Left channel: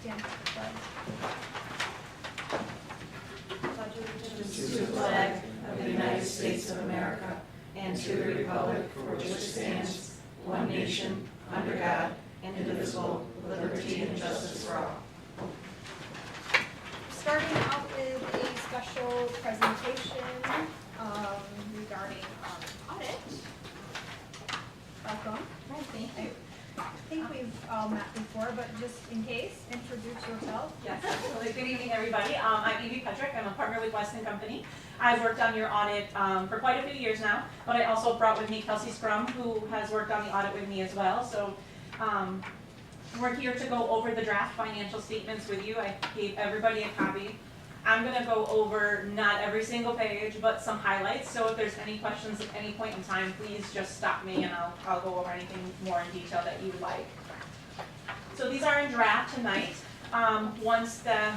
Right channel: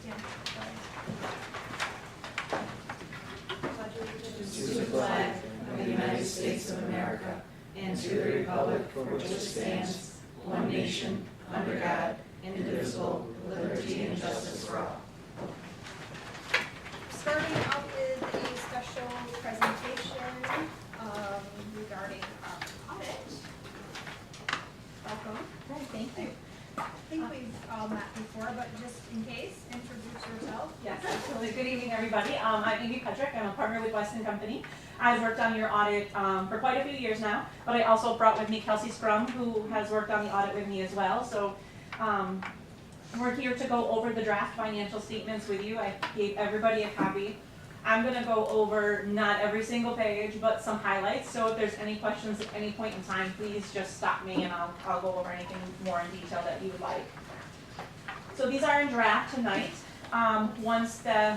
stand for the flag. To the flag of the United States of America and to the republic for which it stands, one nation, under God, indivisible, with liberty and justice for all. Starting out with a special presentation regarding audit. Welcome. Oh, thank you. I think we've all met before, but just in case, introduce yourself. Yes, absolutely. Good evening, everybody. I'm Amy Petrick. I'm a partner with Weston Company. I've worked on your audit for quite a few years now, but I also brought with me Kelsey Scrum, who has worked on the audit with me as well. So we're here to go over the draft financial statements with you. I gave everybody a copy. I'm going to go over not every single page, but some highlights. So if there's any questions at any point in time, please just stop me and I'll go over anything more in detail that you would like. So these are in draft tonight. Once the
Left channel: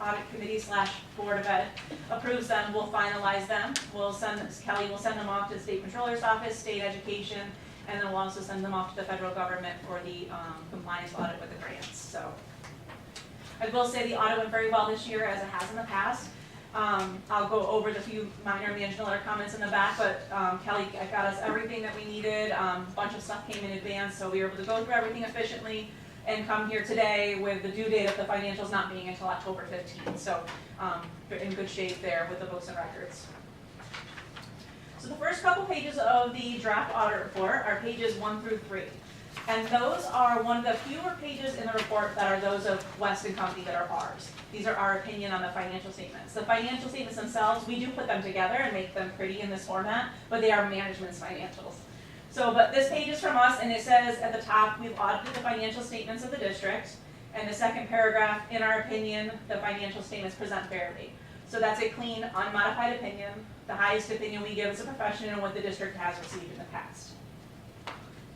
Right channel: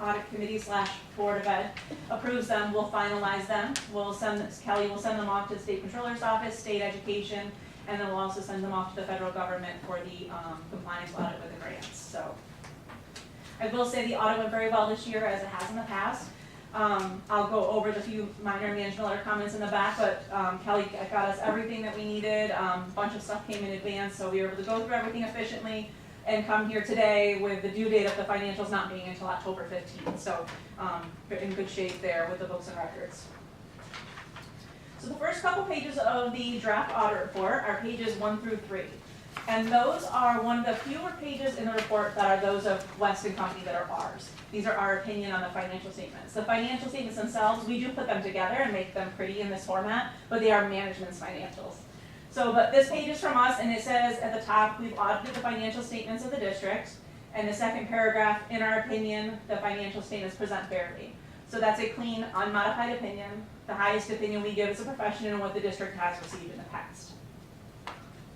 audit committee / board of ed approves them, we'll finalize them. Kelly will send them off to the state controller's office, state education, and then we'll also send them off to the federal government for the compliance audit with the grants. So I will say the audit went very well this year, as it has in the past. I'll go over the few minor management letter comments in the back, but Kelly got us everything that we needed. A bunch of stuff came in advance, so we were able to go through everything efficiently and come here today with the due date of the financials not being until October 15th. So in good shape there with the books and records. So the first couple pages of the draft audit report are pages 1 through 3. And those are one of the fewer pages in the report that are those of Weston Company that are ours. These are our opinion on the financial statements. The financial statements themselves, we do put them together and make them pretty in this format, but they are management's financials. So, but this page is from us, and it says at the top, we've audited the financial statements of the district. And the second paragraph, in our opinion, the financial statements present fairly. So that's a clean, unmodified opinion, the highest opinion we give as a profession and what the district has received in the past.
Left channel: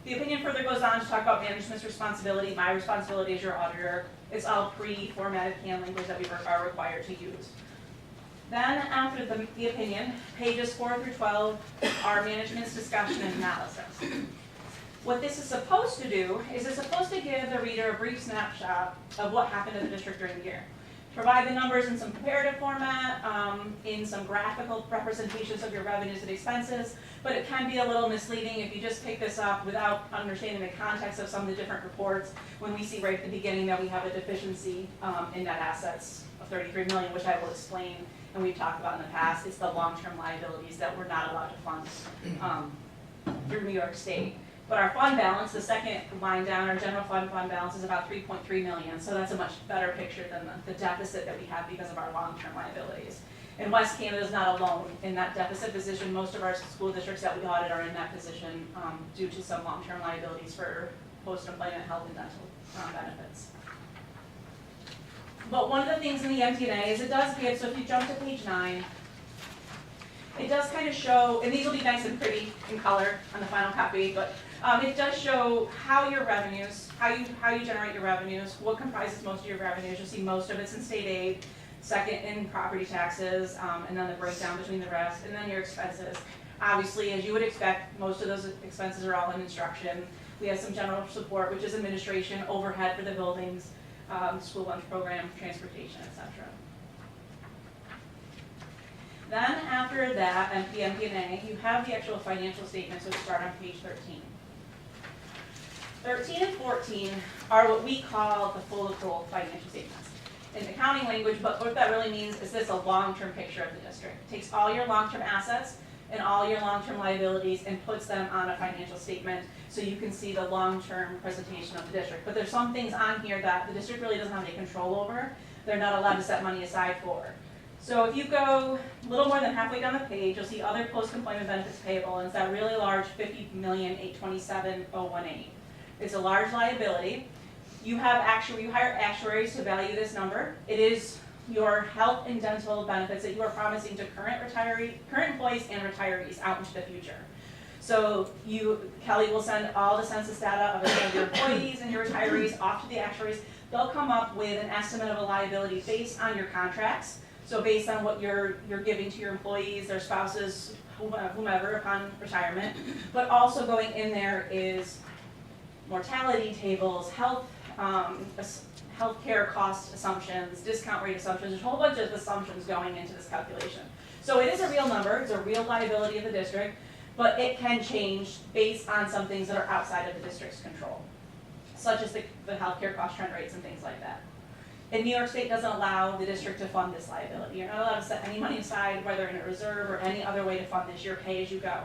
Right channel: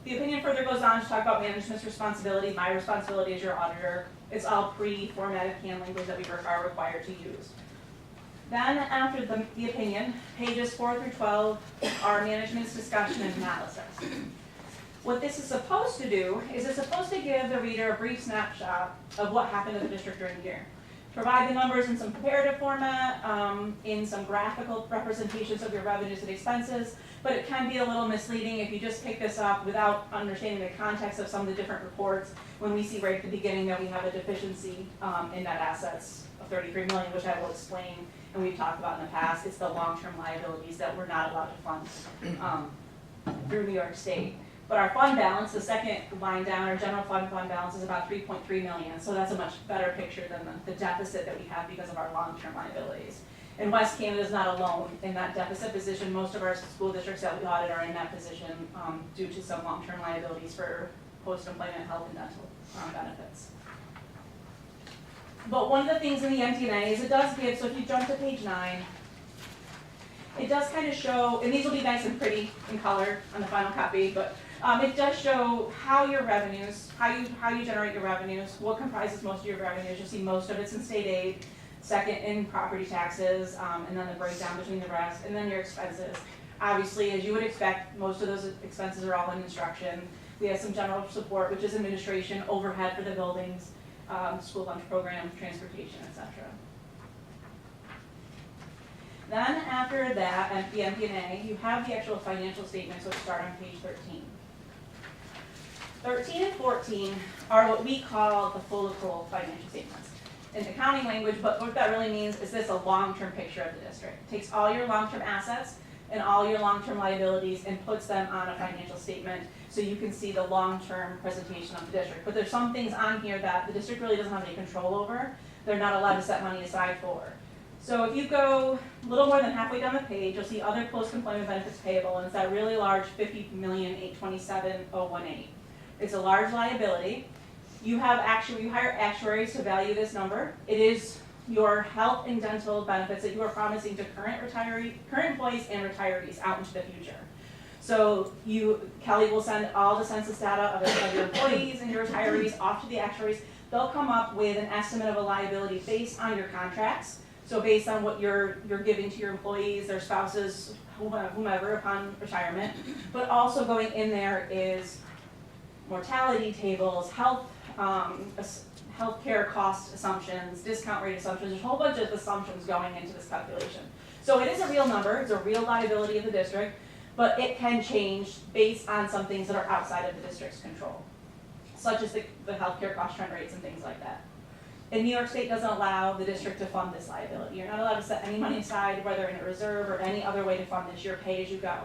The opinion further goes on to talk about management's responsibility. My responsibility as your auditor. It's all pre-formatted CAN language that we are required to use. Then after the opinion, pages 4 through 12 are management's discussion and analysis. What this is supposed to do is it's supposed to give the reader a brief snapshot of what happened in the district during the year. Provide the numbers in some comparative format, in some graphical representations of your revenues and expenses, but it can be a little misleading if you just pick this up without understanding the context of some of the different reports. When we see right at the beginning that we have a deficiency in net assets of $33 million, which I will explain and we've talked about in the past, it's the long-term liabilities that we're not allowed to fund through New York State. But our fund balance, the second line down, our general fund balance is about $3.3 million. So that's a much better picture than the deficit that we have because of our long-term liabilities. And West Canada is not alone in that deficit position. Most of our school districts that we audit are in that position due to some long-term liabilities for post-employment health and dental benefits. But one of the things in the MD&A is it does give, so if you jump to page 9, it does kind of show, and these will be nice and pretty in color on the final copy, but it does show how your revenues, how you generate your revenues, what comprises most of your revenues. You'll see most of it's in state aid, second in property taxes, and then the breakdown between the rest, and then your expenses. Obviously, as you would expect, most of those expenses are all in instruction. We have some general support, which is administration, overhead for the buildings, school lunch program, transportation, etc. Then after that, and the MD&A, you have the actual financial statements, which start on page 13. 13 and 14 are what we call the full accrual financial statements. In accounting language, but what that really means is this a long-term picture of the district. It takes all your long-term assets and all your long-term liabilities and puts them on a financial statement so you can see the long-term presentation of the district. But there's some things on here that the district really doesn't have any control over. They're not allowed to set money aside for. So if you go a little more than halfway down the page, you'll see other post-employment benefits payable, and it's that really large $50,827,018. It's a large liability. You hire actuaries to value this number. It is your health and dental benefits that you are promising to current employees and retirees out into the future. So Kelly will send all the census data of your employees and your retirees off to the actuaries. They'll come up with an estimate of a liability based on your contracts. So based on what you're giving to your employees, their spouses, whomever upon retirement, but also going in there is mortality tables, health healthcare cost assumptions, discount rate assumptions, there's a whole bunch of assumptions going into this calculation. So it is a real number, it's a real liability of the district, but it can change based on some things that are outside of the district's control, such as the healthcare cost trend rates and things like that. And New York State doesn't allow the district to fund this liability. You're not allowed to set any money aside, whether in a reserve or any other way to fund this. You're pay as you go.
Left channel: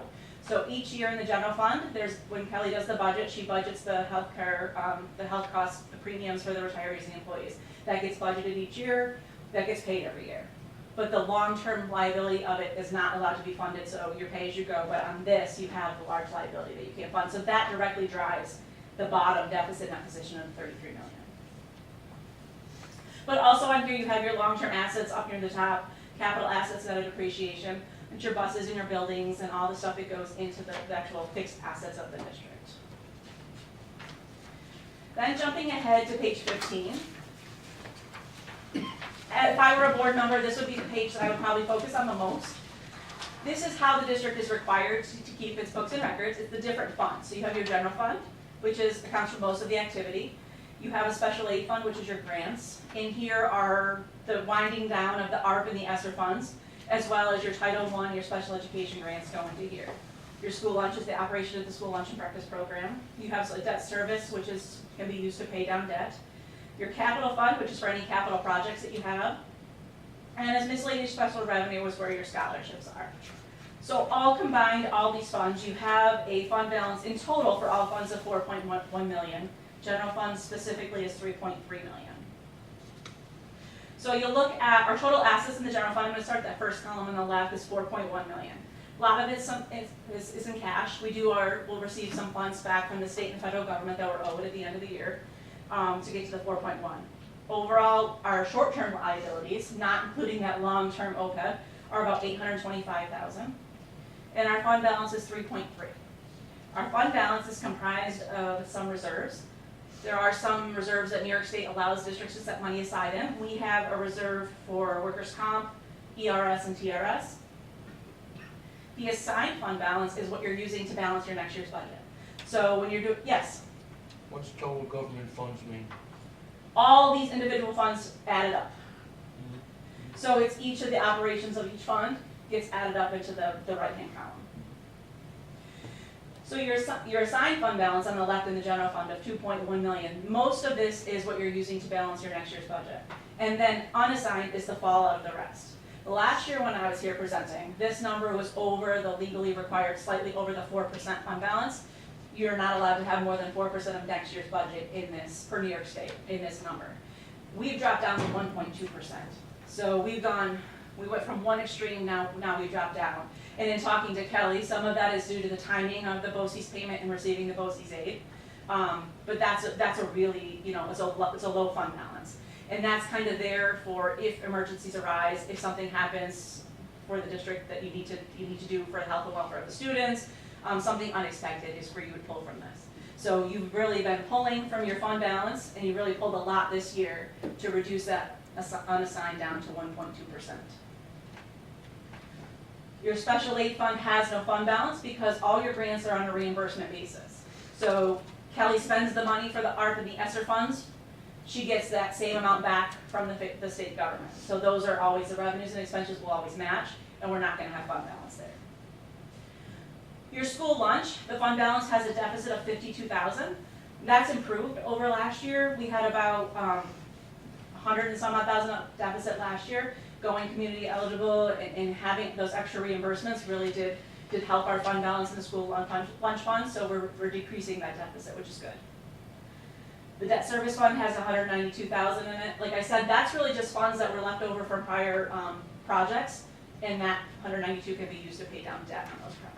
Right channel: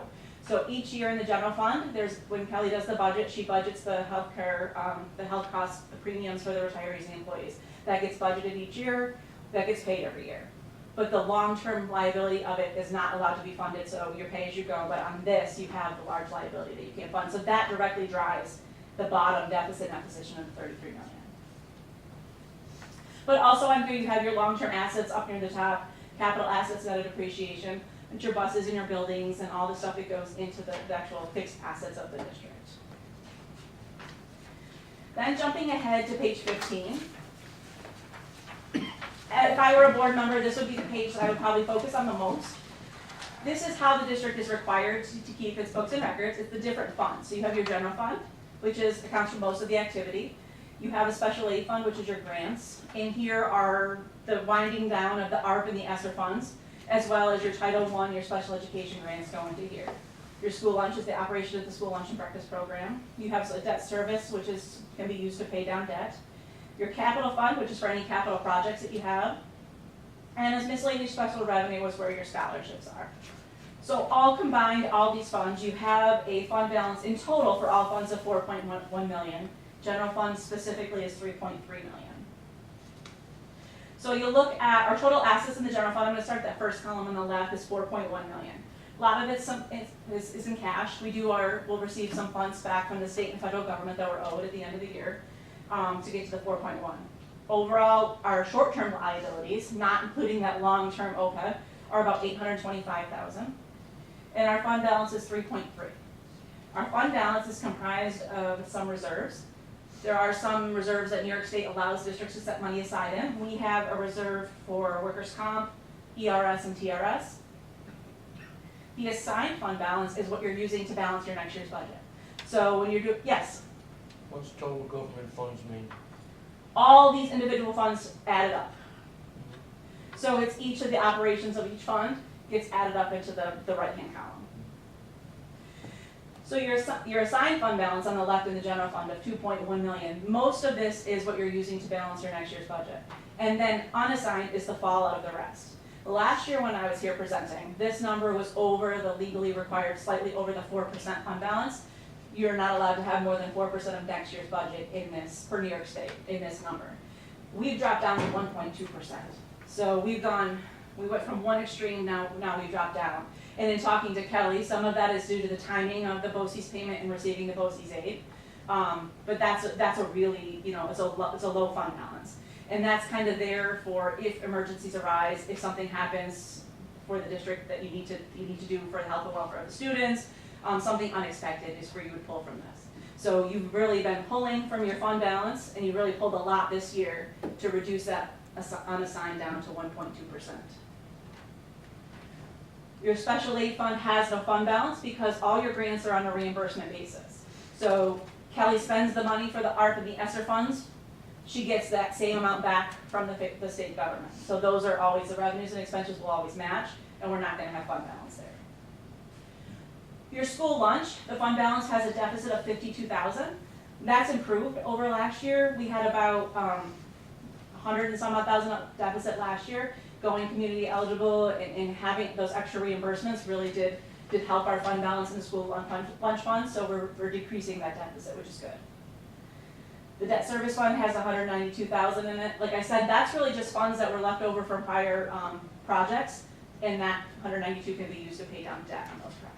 So each year in the general fund, when Kelly does the budget, she budgets the healthcare, the health costs, the premiums for the retirees and employees. That gets budgeted each year, that gets paid every year. But the long-term liability of it is not allowed to be funded, so you're pay as you go, but on this, you have the large liability that you can't fund. So that directly drives the bottom deficit net position of 33 million. But also on here, you have your long-term assets up near the top, capital assets net of depreciation, and your buses and your buildings and all the stuff that goes into the actual fixed assets of the district. Then jumping ahead to page 15. If I were a board member, this would be the page that I would probably focus on the most. This is how the district is required to keep its books and records. It's the different funds. So you have your general fund, which accounts for most of the activity. You have a special aid fund, which is your grants. In here are the winding down of the ARP and the ESSER funds, as well as your Title I, your special education grants go into here. Your school lunch is the operation of the school lunch and breakfast program. You have a debt service, which can be used to pay down debt. Your capital fund, which is for any capital projects that you have. And as miscellaneous special revenue was where your scholarships are. So all combined, all these funds, you have a fund balance in total for all funds of 4.1 million. General fund specifically is 3.3 million. So you'll look at our total assets in the general fund. I'm going to start that first column on the left is 4.1 million. A lot of it is in cash. We'll receive some funds back from the state and federal government that were owed at the end of the year to get to the 4.1. Overall, our short-term liabilities, not including that long-term OPEB, are about 825,000, and our fund balance is 3.3. Our fund balance is comprised of some reserves. There are some reserves that New York State allows districts to set money aside in. We have a reserve for workers' comp, ERS, and TRS. The assigned fund balance is what you're using to balance your next year's budget. So when you're doing, yes? What's total government funds mean? All these individual funds added up. So it's each of the operations of each fund gets added up into the right-hand column. So your assigned fund balance on the left in the general fund of 2.1 million, most of this is what you're using to balance your next year's budget. And then unassigned is the fallout of the rest. Last year when I was here presenting, this number was over the legally required, slightly over the 4% fund balance. You're not allowed to have more than 4% of next year's budget in this, for New York State, in this number. We've dropped down to 1.2%. So we went from one extreme, now we've dropped down. And in talking to Kelly, some of that is due to the timing of the BOCES payment and receiving the BOCES aid. But that's a really, it's a low fund balance. And that's kind of there for if emergencies arise, if something happens for the district that you need to do for the health and welfare of the students, something unexpected is where you would pull from this. So you've really been pulling from your fund balance, and you really pulled a lot this year to reduce that unassigned down to 1.2%. Your special aid fund has no fund balance because all your grants are on a reimbursement basis. So Kelly spends the money for the ARP and the ESSER funds. She gets that same amount back from the state government. So those are always, the revenues and expenses will always match, and we're not going to have fund balance there. Your school lunch, the fund balance has a deficit of 52,000. That's improved over last year. We had about 100 and some odd thousand deficit last year. Going community eligible and having those extra reimbursements really did help our fund balance in the school lunch fund, so we're decreasing that deficit, which is good. The debt service fund has 192,000 in it. Like I said, that's really just funds that were left over from prior projects, and that 192 can be used to pay down debt on those projects.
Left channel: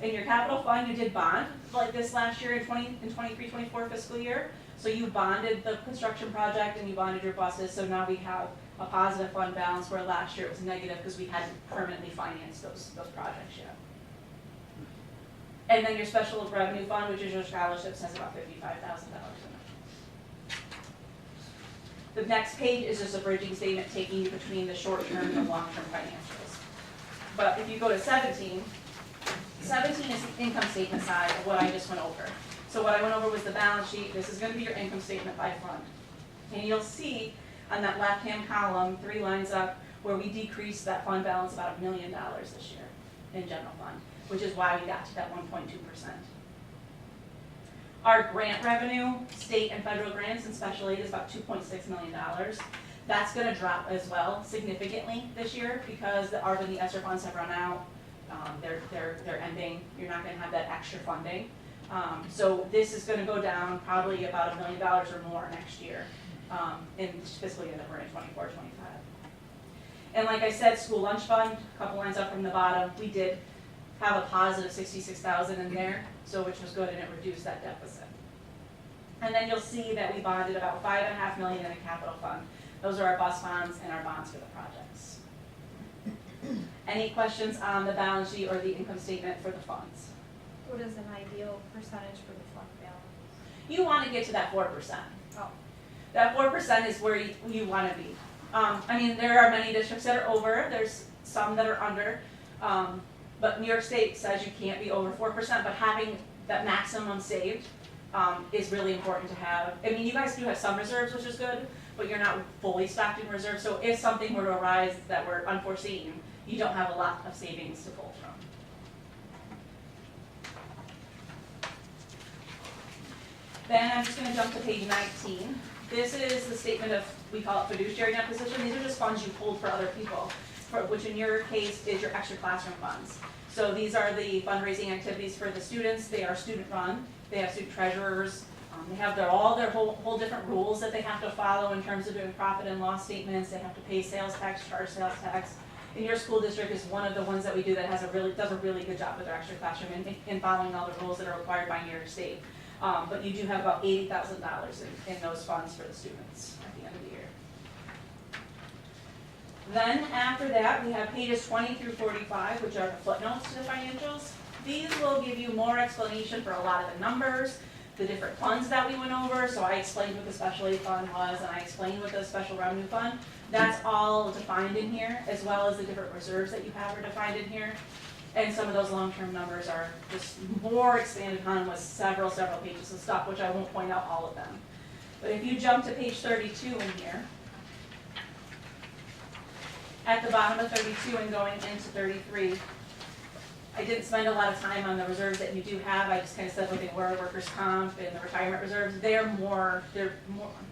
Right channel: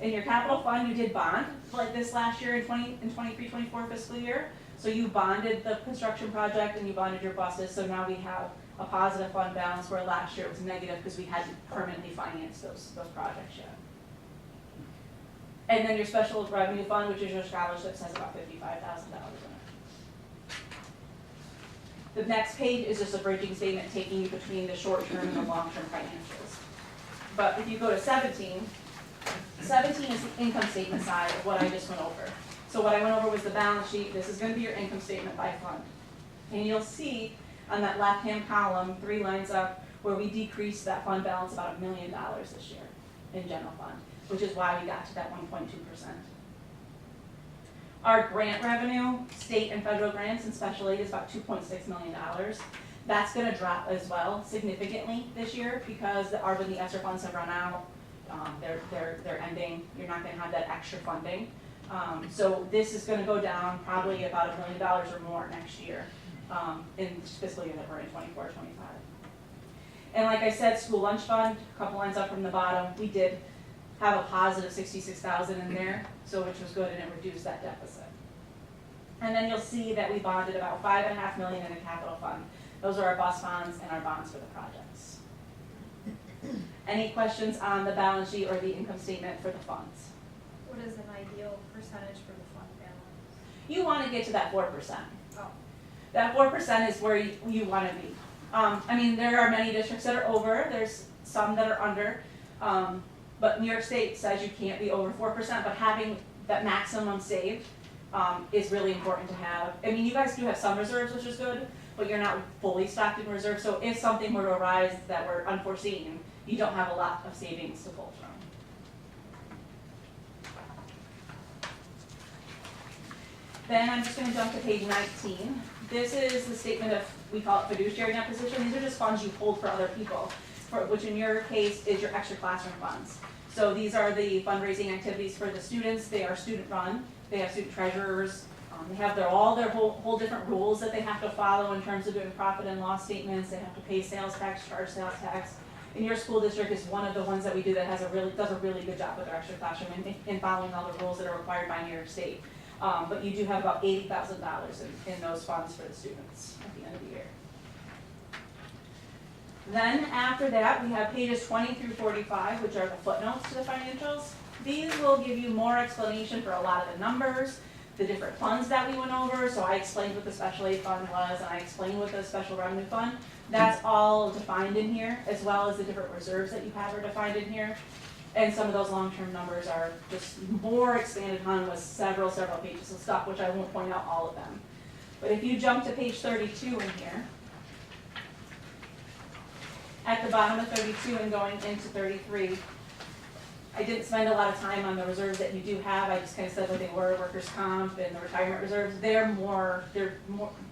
In your capital fund, you did bond like this last year in 23-24 fiscal year. So you bonded the construction project and you bonded your buses, so now we have a positive fund balance where last year it was negative because we hadn't permanently financed those projects yet. And then your special revenue fund, which is your scholarships, has about $55,000 in it. The next page is just a bridging statement taking you between the short-term and the long-term financials. But if you go to 17 is the income statement side of what I just went over. So what I went over was the balance sheet. This is gonna be your income statement by fund. And you'll see on that left-hand column, 3 lines up, where we decreased that fund balance about $1 million this year in general fund, which is why we got to that 1.2%. Our grant revenue, state and federal grants and special aid, is about $2.6 million. That's gonna drop as well significantly this year because the ARPA and the ESSER funds have run out. They're ending. You're not gonna have that extra funding. So this is gonna go down probably about $1 million or more next year in this fiscal year that we're in, 24-25. And like I said, school lunch fund, a couple lines up from the bottom, we did have a positive 66,000 in there, so which was good, and it reduced that deficit. And then you'll see that we bonded about $5.5 million in a capital fund. Those are our bus bonds and our bonds for the projects. Any questions on the balance sheet or the income statement for the funds? What is an ideal percentage for the fund balance? You want to get to that 4%. Oh, That 4% is where you want to be. I mean, there are many districts that are over, there's some that are under, but New York State says you can't be over 4%, but having that maximum saved is really important to have. I mean, you guys do have some reserves, which is good, but you're not fully stocked in reserves, so if something were to arise that were unforeseen, you don't have a lot of savings to pull from. Then I'm just gonna jump to page 19. This is the statement of, we call it fiduciary net position. These are just funds you hold for other people, which in your case is your extra classroom funds. So these are the fundraising activities for the students. They are student run. They have student treasurers. They have all their whole different rules that they have to follow in terms of doing profit and loss statements. They have to pay sales tax, charge sales tax. And your school district is one of the ones that we do that does a really good job with their extra classroom in following all the rules that are required by New York State. But you do have about $80,000 in those funds for the students at the end of the year. Then after that, we have pages 20 through 45, which are the footnotes to the financials. These will give you more explanation for a lot of the numbers, the different funds that we went over. So I explained what the special aid fund was, and I explained what the special revenue fund. That's all defined in here, as well as the different reserves that you have are defined in here. And some of those long-term numbers are just more expanded upon with several pages of stuff, which I won't point out all of them. But if you jump to page 32 in here, at the bottom of 32 and going into 33, I didn't spend a lot of time on the reserves that you do have. I just kind of said what they were, workers' comp and the retirement reserves. They're more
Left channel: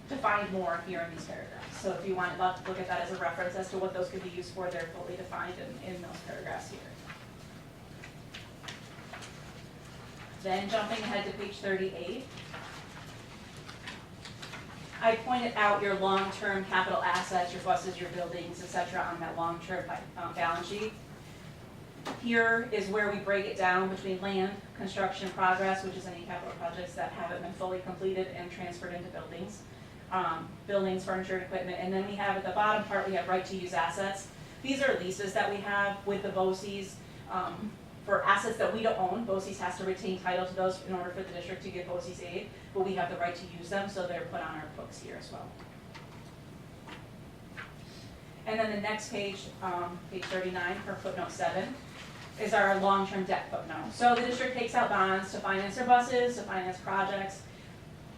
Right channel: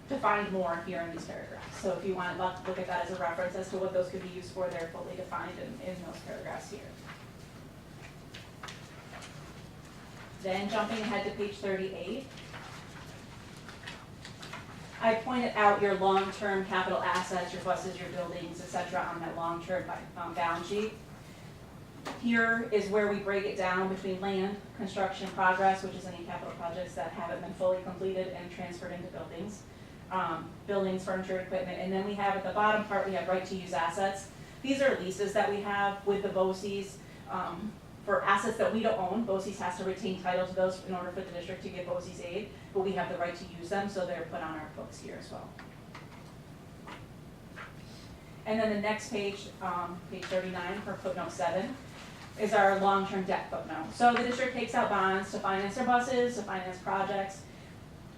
defined more here in these paragraphs. So if you want to look at that as a reference as to what those could be used for, they're fully defined in those paragraphs here. Then jumping ahead to page 38, I pointed out your long-term capital assets, your buses, your buildings, etc. on that long-term balance sheet. Here is where we break it down between land, construction progress, which is any capital projects that haven't been fully completed and transferred into buildings, buildings, furniture, equipment, and then we have at the bottom part, we have right to use assets. These are leases that we have with the BOCES. For assets that we don't own, BOCES has to retain title to those in order for the district to get BOCES aid, but we have the right to use them, so they're put on our books here as well. And then the next page, page 39 for footnote 7, is our long-term debt footnote. So the district takes out bonds to finance their buses, to finance projects.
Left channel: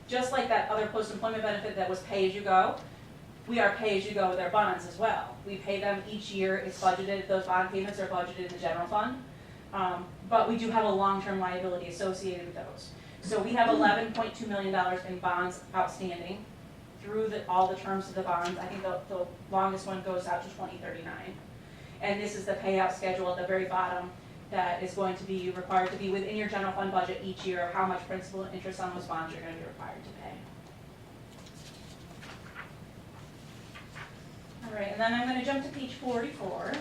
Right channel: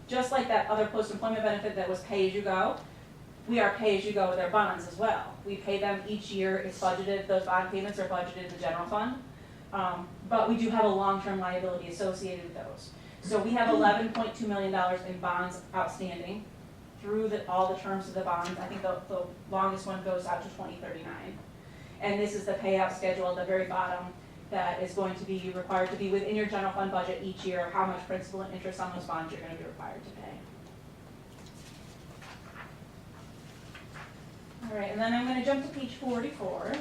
Just like that other post-employment benefit that was pay-as-you-go, we are pay-as-you-go with our bonds as well. We pay them each year, it's budgeted, those bond payments are budgeted in the general fund. But we do have a long-term liability associated with those. So we have $11.2 million in bonds outstanding through all the terms of the bonds. I think the longest one goes out to 2039. And this is the payout schedule at the very bottom that is going to be required to be within your general fund budget each year of how much principal and interest on those bonds you're going to be required to pay. All right, and then I'm going to jump to page 44.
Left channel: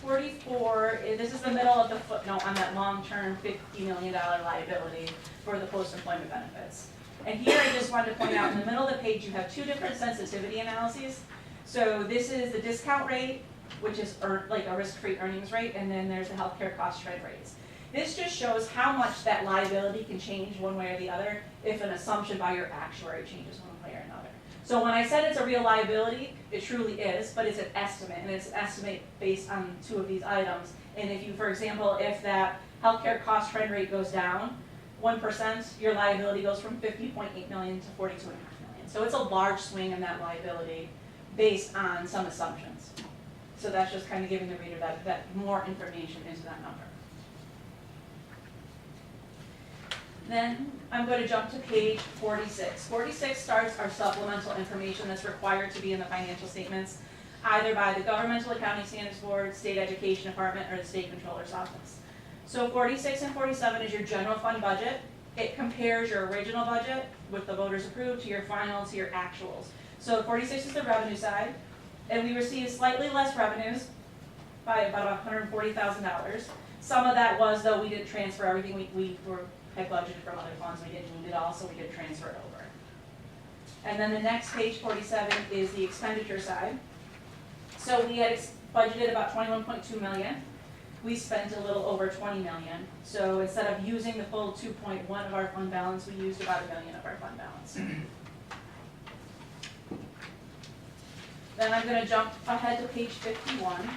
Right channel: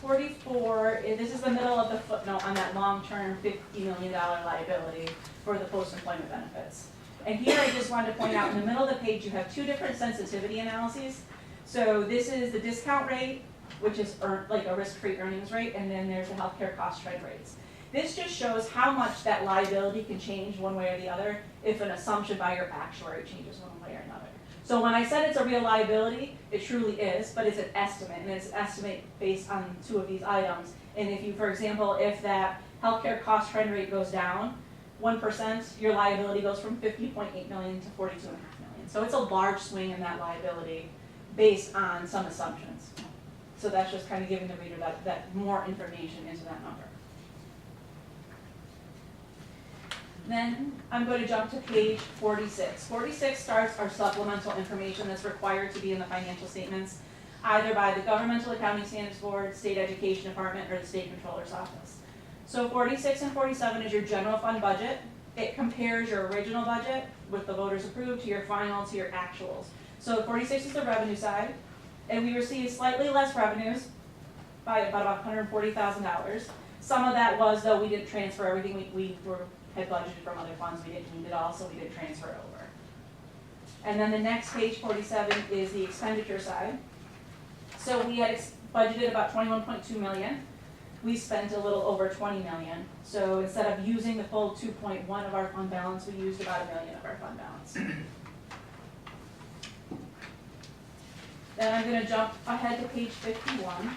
44, this is the middle of the footnote on that long-term $50 million liability for the post-employment benefits. And here I just wanted to point out in the middle of the page you have two different sensitivity analyses. So this is the discount rate, which is like a risk-free earnings rate, and then there's the healthcare cost trend rates. This just shows how much that liability can change one way or the other if an assumption by your actuary changes one way or another. So when I said it's a real liability, it truly is, but it's an estimate, and it's an estimate based on two of these items. And if you, for example, if that healthcare cost trend rate goes down 1%, your liability goes from 50.8 million to 42.5 million. So it's a large swing in that liability based on some assumptions. So that's just kind of giving the reader that more information into that number. Then I'm going to jump to page 46. 46 starts our supplemental information that's required to be in the financial statements, either by the Governmental Accounting Standards Board, State Education Department, or the State Controller's Office. So 46 and 47 is your general fund budget. It compares your original budget with the voters approved to your final to your actuals. So 46 is the revenue side, and we received slightly less revenues by about $140,000. Some of that was, though, we didn't transfer everything we had budgeted from other funds. We didn't need it all, so we did transfer it over. And then the next page, 47, is the expenditure side. So we had budgeted about 21.2 million. We spent a little over 20 million. So instead of using the full 2.1 of our fund balance, we used about $1 million of our fund balance. Then I'm going to jump ahead to page 51.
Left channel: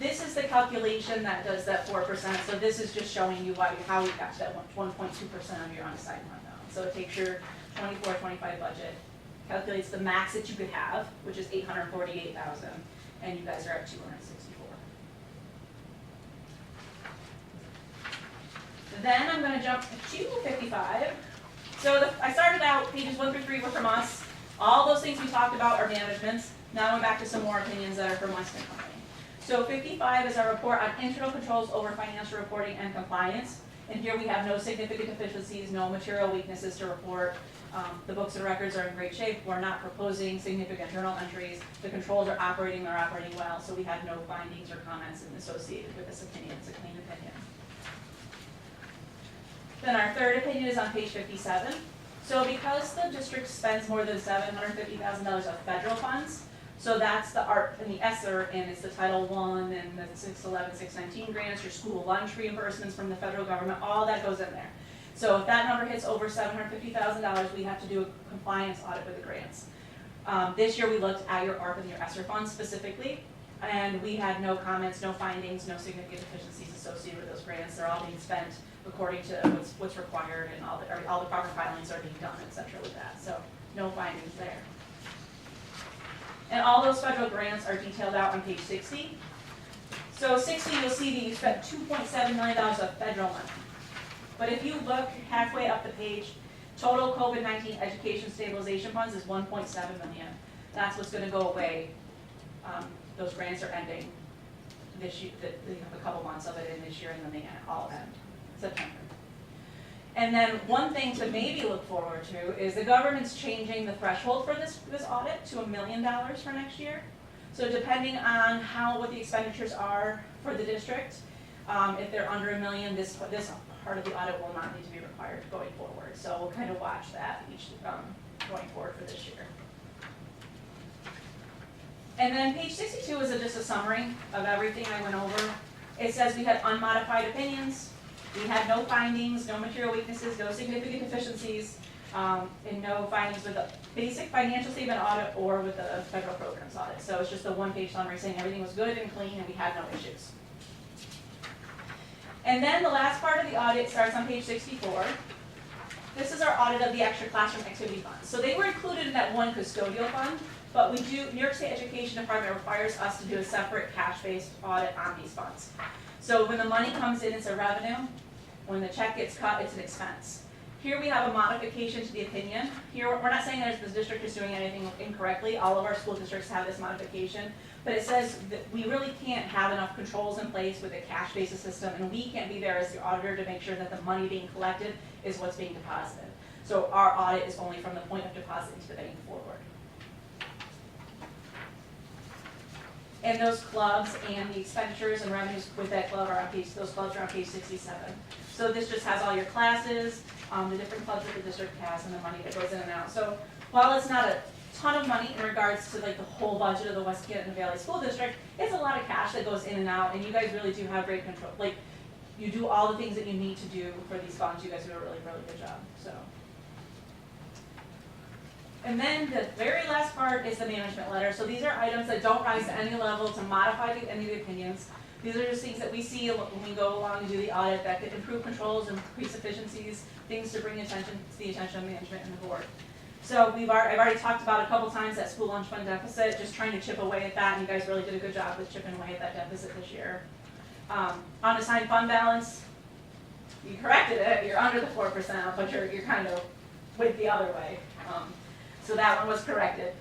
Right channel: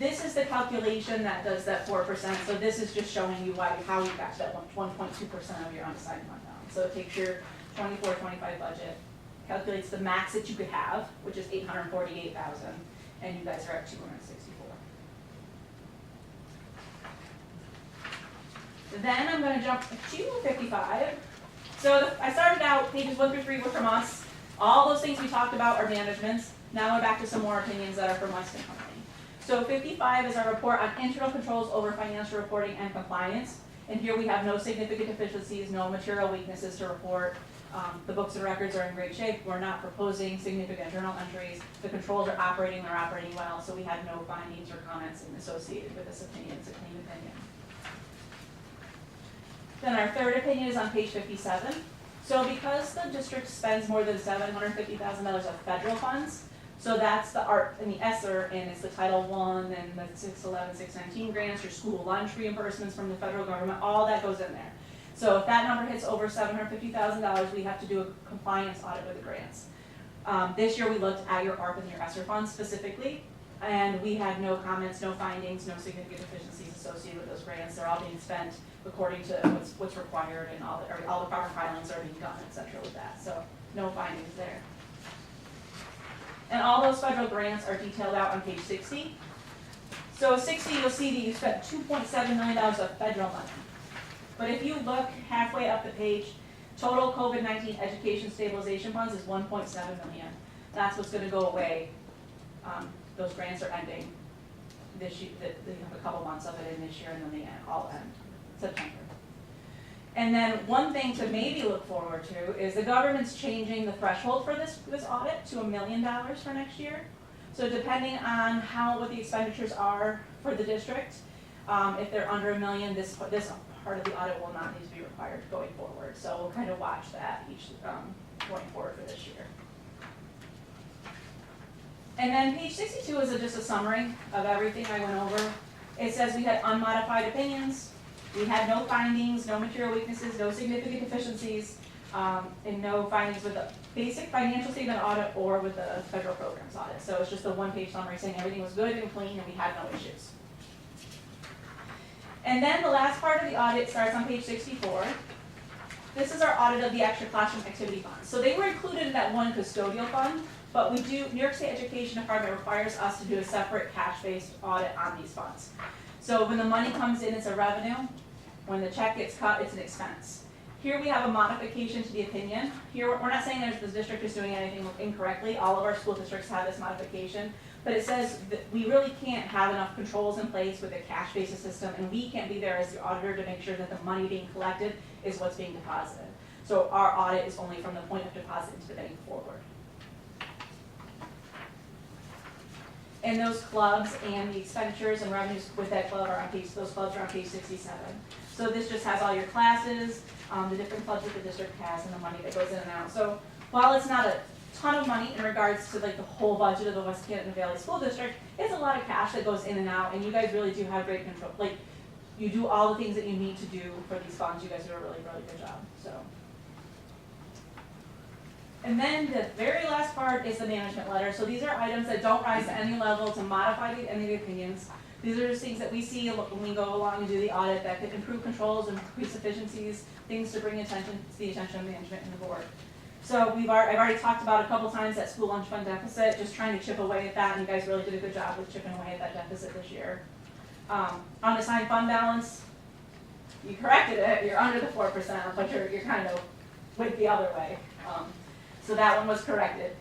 This is the calculation that does that 4%. So this is just showing you how we got to that 1.2% of your unassigned fund balance. So it takes your 24-25 budget, calculates the max that you could have, which is 848,000, and you guys are at 264. Then I'm going to jump to 55. So I started out, pages 1 through 3 were from us. All those things we talked about are management's. Now we're back to some more opinions that are from Weston Company. So 55 is our report on internal controls over financial reporting and compliance. And here we have no significant deficiencies, no material weaknesses to report. The books and records are in great shape. We're not proposing significant journal entries. The controls are operating, they're operating well, so we had no findings or comments associated with this opinion. It's a clean opinion. Then our third opinion is on page 57. So because the district spends more than $750,000 of federal funds, so that's the ARP and the ESSER, and it's the Title I and the 611, 619 grants, your school lunch reimbursements from the federal government, all that goes in there. So if that number hits over $750,000, we have to do a compliance audit with the grants. This year we looked at your ARP and your ESSER funds specifically, and we had no comments, no findings, no significant deficiencies associated with those grants. They're all being spent according to what's required, and all the proper filings are being done, et cetera, with that. So no findings there. And all those federal grants are detailed out on page 60. So 60, you'll see that you spent $2.7 million of federal money. But if you look halfway up the page, total COVID-19 education stabilization funds is $1.7 million. That's what's going to go away. Those grants are ending this year. They have a couple months of it in this year, and then they all end September. And then one thing to maybe look forward to is the government's changing the threshold for this audit to $1 million for next year. So depending on what the expenditures are for the district, if they're under $1 million, this part of the audit will not need to be required going forward. So we'll kind of watch that going forward for this year. And then page 62 is just a summary of everything I went over. It says we had unmodified opinions. We had no findings, no material weaknesses, no significant deficiencies, and no findings with the basic financial statement audit or with the federal programs audit. So it's just a one-page summary saying everything was good and clean and we had no issues. And then the last part of the audit starts on page 64. This is our audit of the extra classroom activity funds. So they were included in that one custodial fund, but New York State Education Department requires us to do a separate cash-based audit on these funds. So when the money comes in, it's a revenue. When the check gets cut, it's an expense. Here we have a modification to the opinion. Here, we're not saying that the district is doing anything incorrectly. All of our school districts have this modification. But it says that we really can't have enough controls in place with a cash-basis system, and we can't be there as the auditor to make sure that the money being collected is what's being deposited. So our audit is only from the point of deposit into the bank forward. And those clubs and the expenditures and revenues with that club are on those clubs are on page 67. So this just has all your classes, the different clubs that the district has, and the money that goes in and out. So while it's not a ton of money in regards to like the whole budget of the West Canton Valley School District, it's a lot of cash that goes in and out, and you guys really do have great control. Like, you do all the things that you need to do for these funds. You guys do a really, really good job. So. And then the very last part is the management letter. So these are items that don't rise to any level to modify any of the opinions. These are just things that we see when we go along and do the audit that could improve controls, increase efficiencies, things to bring attention to the attention of management and the board. So I've already talked about a couple times that school lunch fund deficit, just trying to chip away at that, and you guys really did a good job with chipping away at that deficit this year. Unassigned fund balance, you corrected it, you're under the 4%, but you're kind of went the other way. So that one was corrected.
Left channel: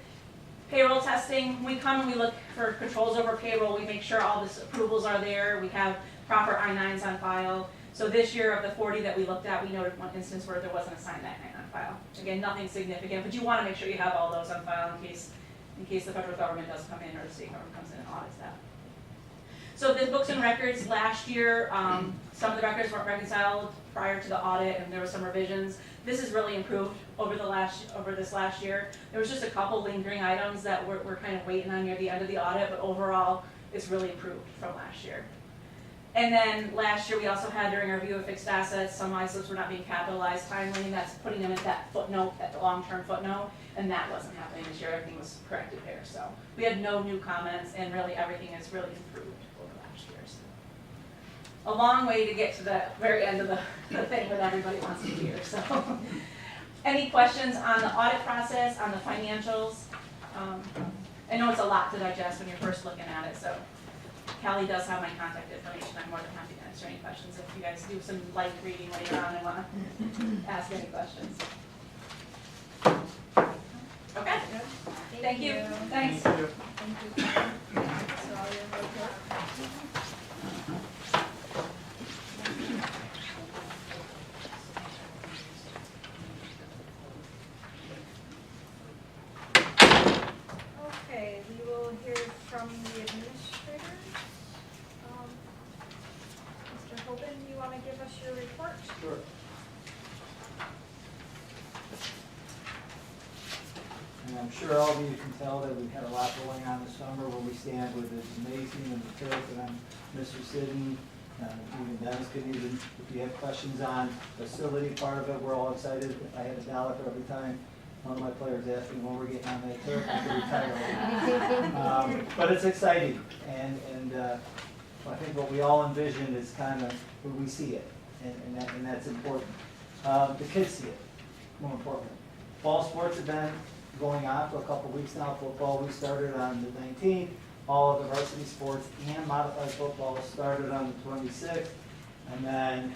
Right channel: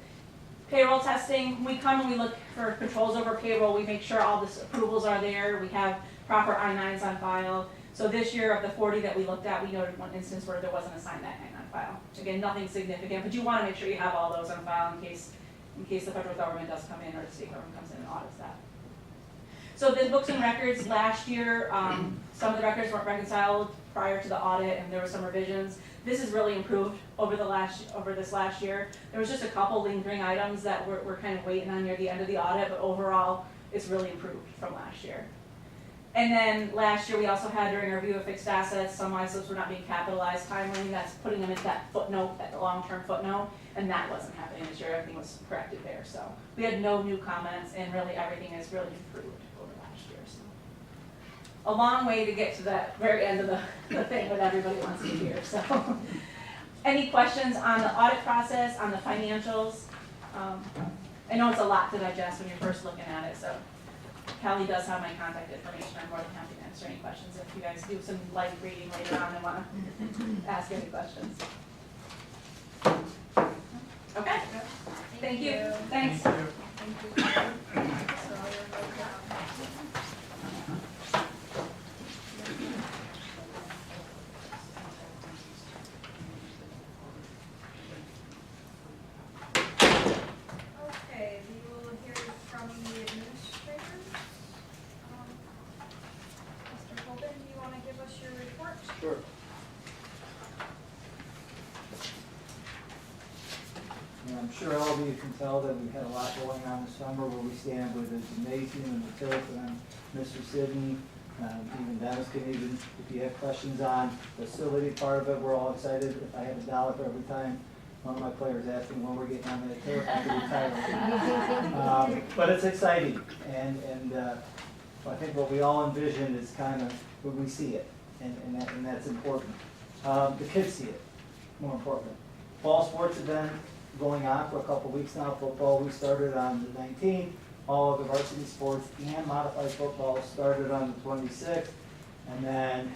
Payroll testing, we come and we look for controls over payroll, we make sure all the approvals are there, we have proper I-9s on file. So this year of the 40 that we looked at, we noted one instance where there wasn't a signed I-9 on file. Again, nothing significant, but you want to make sure you have all those on file in case the federal government does come in or the state government comes in and audits that. So the books and records last year, some of the records weren't reconciled prior to the audit and there were some revisions. This has really improved over this last year. There was just a couple lingering items that we're kind of waiting on near the end of the audit, but overall it's really improved from last year. And then last year we also had during our review of fixed assets, some ISOs were not being capitalized timely, and that's putting them at that footnote, at the long-term footnote, and that wasn't happening this year, everything was corrected there. So we had no new comments and really everything has really improved over last year. So a long way to get to the very end of the thing that everybody wants to hear. So any questions on the audit process, on the financials? I know it's a lot to digest when you're first looking at it, so Kelly does have my contact information. I'm more than happy to answer any questions if you guys do some light reading later on and want to ask any questions. Okay. Thank you. Thanks. Thank you. So you're welcome. Okay, we will hear from the administrators. Mr. Hoban, do you want to give us your report? Sure. And I'm sure all of you can tell that we've had a lot going on this summer where we stand with the gymnasium and the turf, and I'm Mr. Sidney, even Dennis can even, if you have questions on the facility part of it, we're all excited. If I had $1 for every time one of my players asked me when we're getting on that turf, I could retire. But it's exciting, and I think what we all envision is kind of when we see it, and that's important. The kids see it, more importantly. Fall sports have been going on for a couple weeks now. Football, we started on the 19th. All of the varsity sports and modified football started on the 26th. And then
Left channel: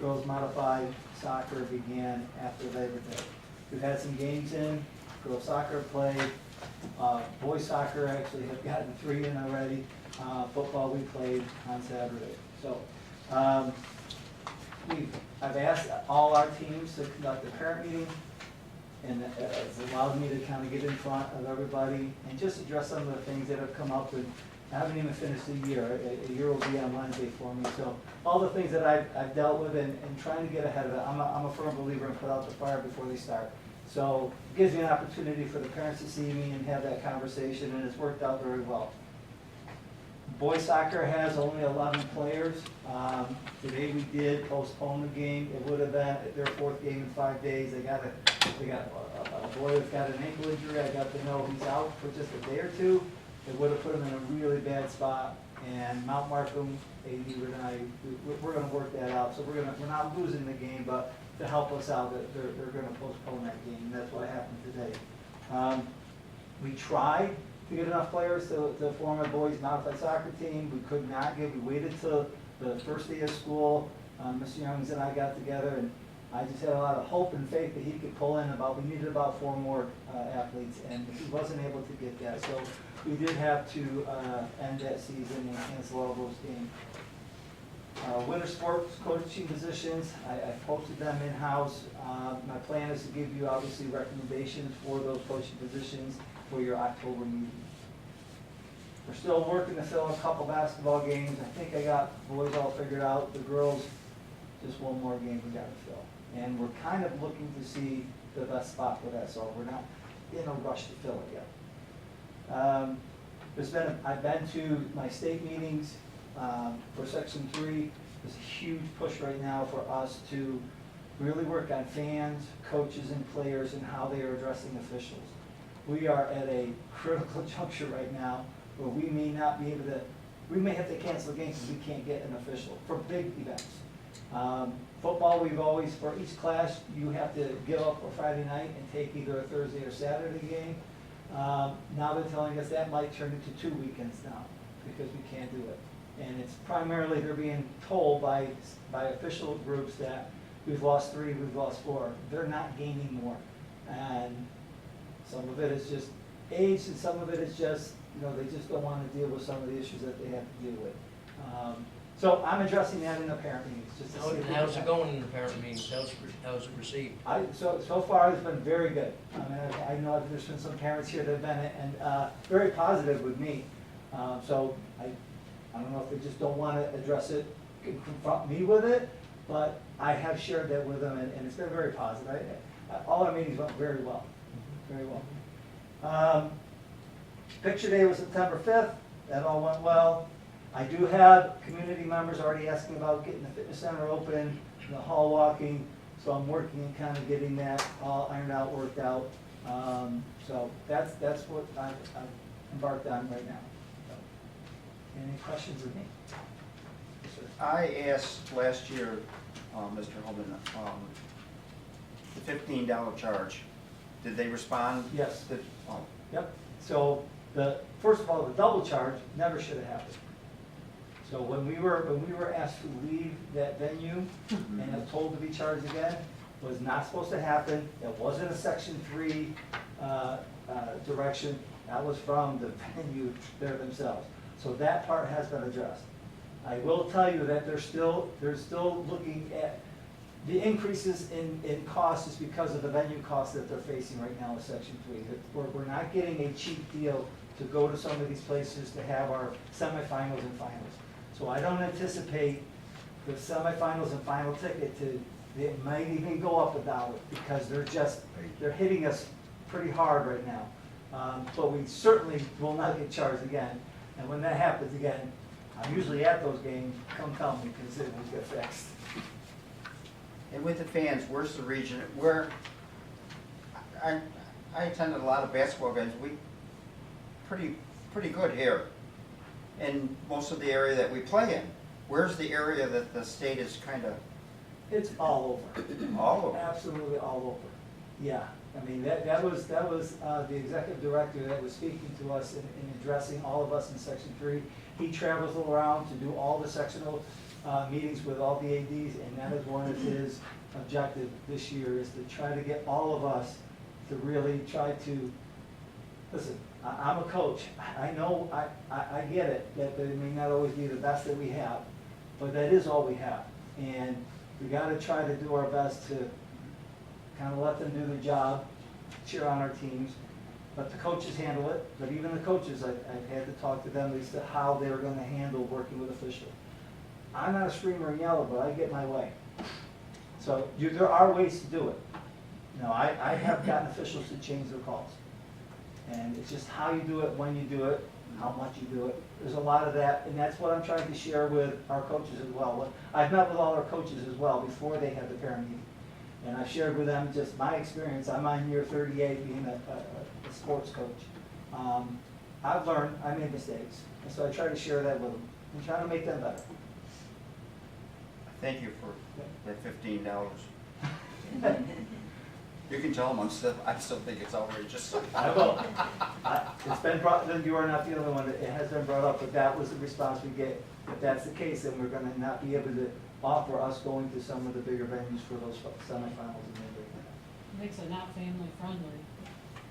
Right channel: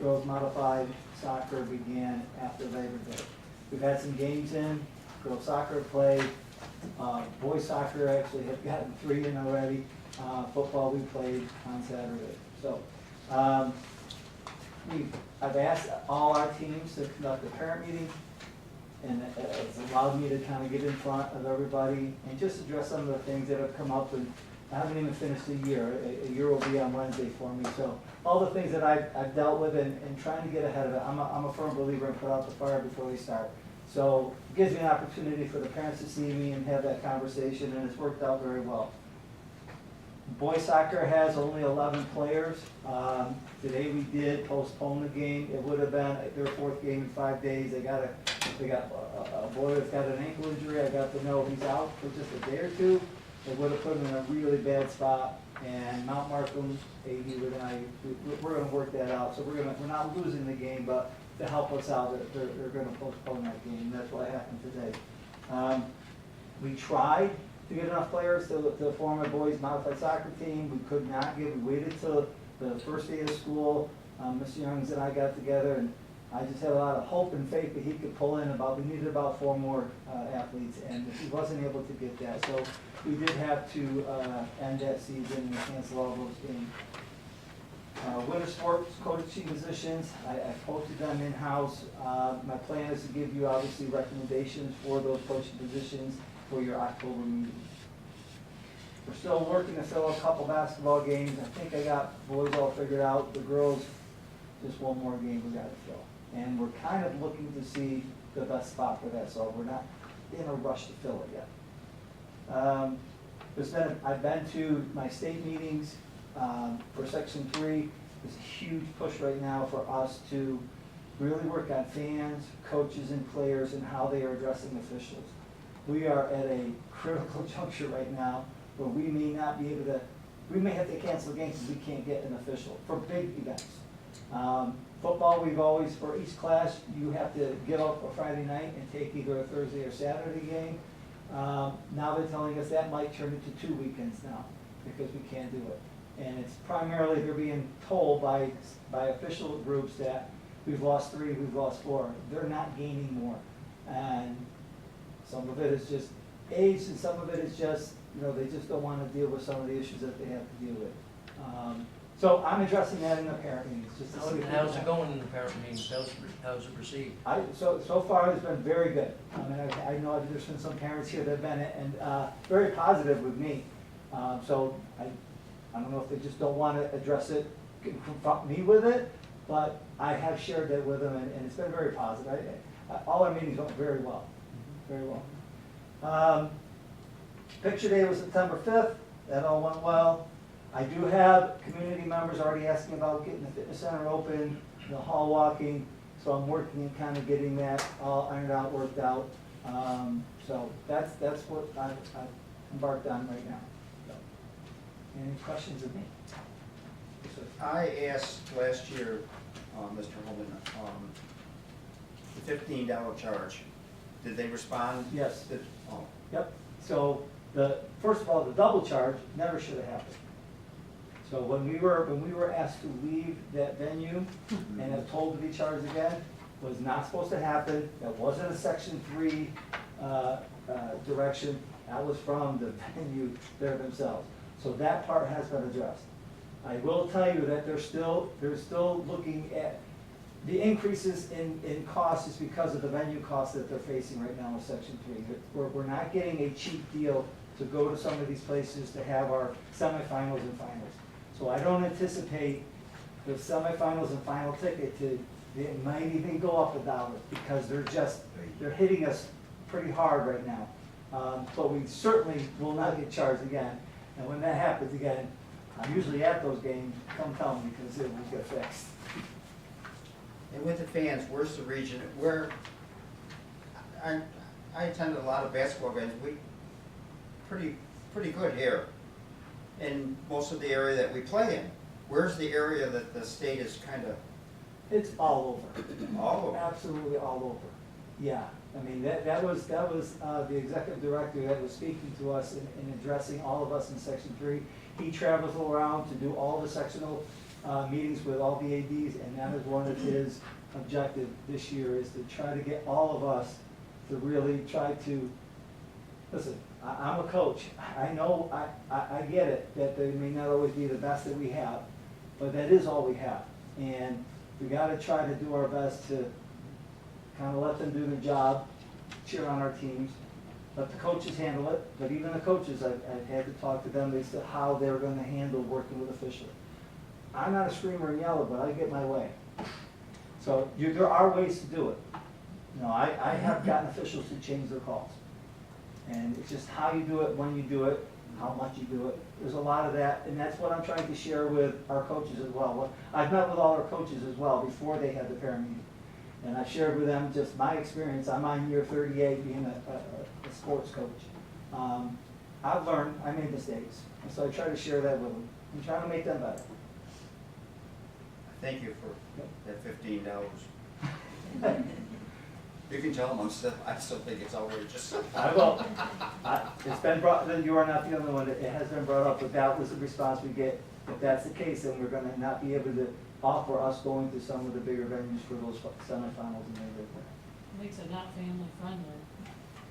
girls modified soccer began after Labor Day. We've had some games in. Girls soccer played. Boys soccer actually have gotten 3 in already. Football we played on Saturday. So I've asked all our teams to conduct a parent meeting, and it's allowed me to kind of get in front of everybody and just address some of the things that have come up. And I haven't even finished the year. A year will be on Wednesday for me. So all the things that I've dealt with and trying to get ahead of it. I'm a firm believer in put out the fire before they start. So it gives me an opportunity for the parents to see me and have that conversation, and it's worked out very well. Boys soccer has only 11 players. Today we did postpone the game. It would have been their 4th game in 5 days. They got a boy that's got an ankle injury. I got to know he's out for just a day or 2. It would have put him in a really bad spot. And Mount Markham, AD, we're going to work that out. So we're not losing the game, but to help us out, they're going to postpone that game. That's what happened today. We tried to get enough players to form a boys modified soccer team. We could not get. We waited till the first day of school. Mr. Youngs and I got together, and I just had a lot of hope and faith that he could pull in we needed about 4 more athletes, and he wasn't able to get that. So we did have to end that season and cancel all those games. Winter sports coaching positions, I posted them in-house. My plan is to give you obviously recommendations for those coaching positions for your October meeting. We're still working to fill a couple basketball games. I think I got boys all figured out. The girls, just 1 more game we got to fill. And we're kind of looking to see the best spot for that, so we're not in a rush to fill it yet. I've been to my state meetings for Section 3. There's a huge push right now for us to really work on fans, coaches, and players and how they are addressing officials. We are at a critical juncture right now where we may not be able to we may have to cancel games if we can't get an official for big events. Football, we've always, for each class, you have to give up a Friday night and take either a Thursday or Saturday game. Now they're telling us that might turn into 2 weekends now, because we can't do it. And it's primarily, they're being told by official groups that we've lost 3, we've lost 4. They're not gaining more. And some of it is just age, and some of it is just, you know, they just don't want to deal with some of the issues that they have to deal with. So I'm addressing that in the parent meetings, just to see if we How's can- it going in the parent meetings? How's it received? So far, it's been very good. I mean, I know there's been some parents here that have been, and very positive with me. So I don't know if they just don't want to address it, confront me with it, but I have shared that with them, and it's been very positive. All our meetings went very well, very well. Picture day was September 5th, that all went well. I do have community members already asking about getting the fitness center open, the hall walking, so I'm working and kind of getting that all ironed out, worked out. So that's what I've embarked on right now. So, any questions of me? Yes, sir. I asked last year, Mr. Holman, the $15 charge, did they respond? Yes. Oh, Yep, so first of all, the double charge never should have happened. So when we were asked to leave that venue and have told to be charged again, was not supposed to happen. That wasn't a Section 3 direction, that was from the venue there themselves. So that part has been addressed. I will tell you that they're still looking at, the increases in cost is because of the venue costs that they're facing right now with Section 3. We're not getting a cheap deal to go to some of these places to have our semifinals and finals. So I don't anticipate the semifinals and final ticket it might even go up $1 because they're hitting us pretty hard right now. But we certainly will not get charged again. And when that happens again, I'm usually at those games, come tell me because it will get fixed. and with the fans, where's the region, I attended a lot of basketball games, pretty good here in most of the area that we play in. Where's the area that the state is kind of It's all over. all over? Absolutely all over. Yeah, I mean, that was the executive director that was speaking to us in addressing all of us in Section 3. He travels around to do all the sectional meetings with all the ADs, and that is one of his objectives this year, is to try to get all of us to really try to, listen, I'm a coach. I know, I get it, that they may not always be the best that we have, but that is all we have. And we gotta try to do our best to kind of let them do their job, cheer on our teams, let the coaches handle it, but even the coaches, I've had to talk to them as to how they're gonna handle working with officials. I'm not a screamer and yeller, but I get my way. So there are ways to do it. You know, I have gotten officials to change their calls. And it's just how you do it, when you do it, how much you do it. There's a lot of that, and that's what I'm trying to share with our coaches as well. I've met with all our coaches as well before they had the parent meeting. And I've shared with them just my experience. I'm on year 38 being a sports coach. I've learned, I made mistakes, and so I try to share that with them and try to make them better. Thank you for that $15. You can tell them I still think it's outrageous. I will. It's been brought, then you are not the only one, it has been brought up, but that was the response we get. If that's the case, then we're gonna not be able to offer us going to some of the bigger venues for those semifinals and things like that. Makes it not family friendly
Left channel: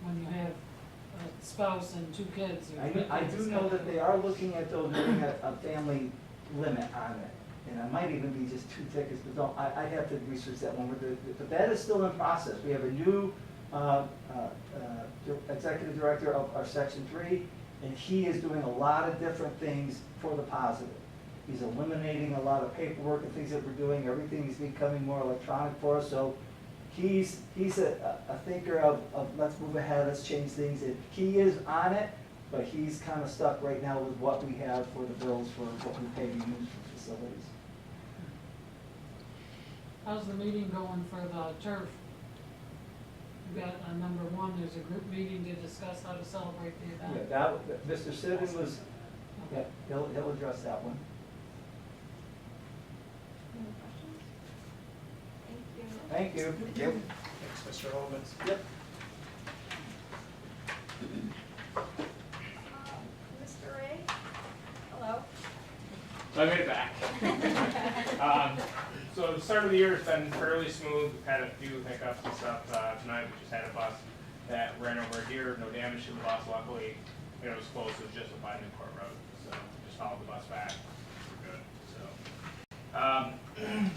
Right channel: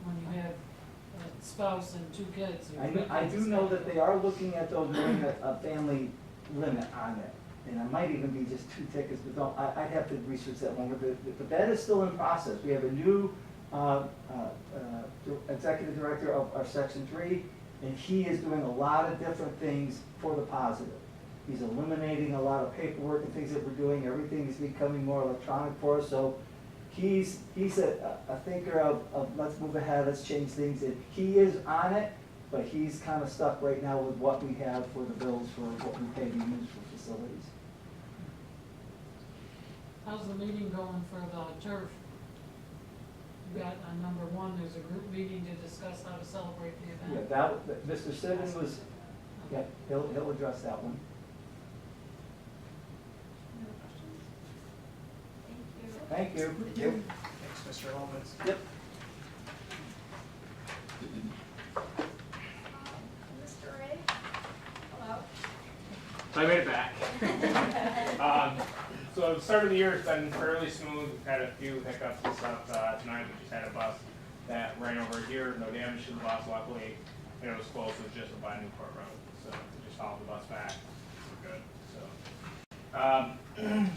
when you have a spouse and 2 kids or 3 kids. I do know that they are looking at those, doing a family limit on it. And it might even be just 2 tickets, but I'd have to research that one, but that is still in process. We have a new executive director of our Section 3, and he is doing a lot of different things for the positive. He's eliminating a lot of paperwork and things that we're doing, everything is becoming more electronic for us, so he's a thinker of let's move ahead, let's change things, and he is on it, but he's kind of stuck right now with what we have for the bills for what we pay to use for facilities. How's the meeting going for the turf? You got number 1, there's a group meeting to discuss how to celebrate the Yeah, event. Mr. Siddon was, Yeah, he'll address that one. Any other questions? Thank you. Thank you. Thank you. Thanks, Mr. Holman. Yep. Mr. Ray? Hello. So I made it back. So the start of the year has been fairly smooth. We've had a few hiccups and stuff. Tonight we just had a bus that ran over here, no damage to the bus luckily. And it was close, it was just by Newport Road. So we just followed the bus back. We're good. So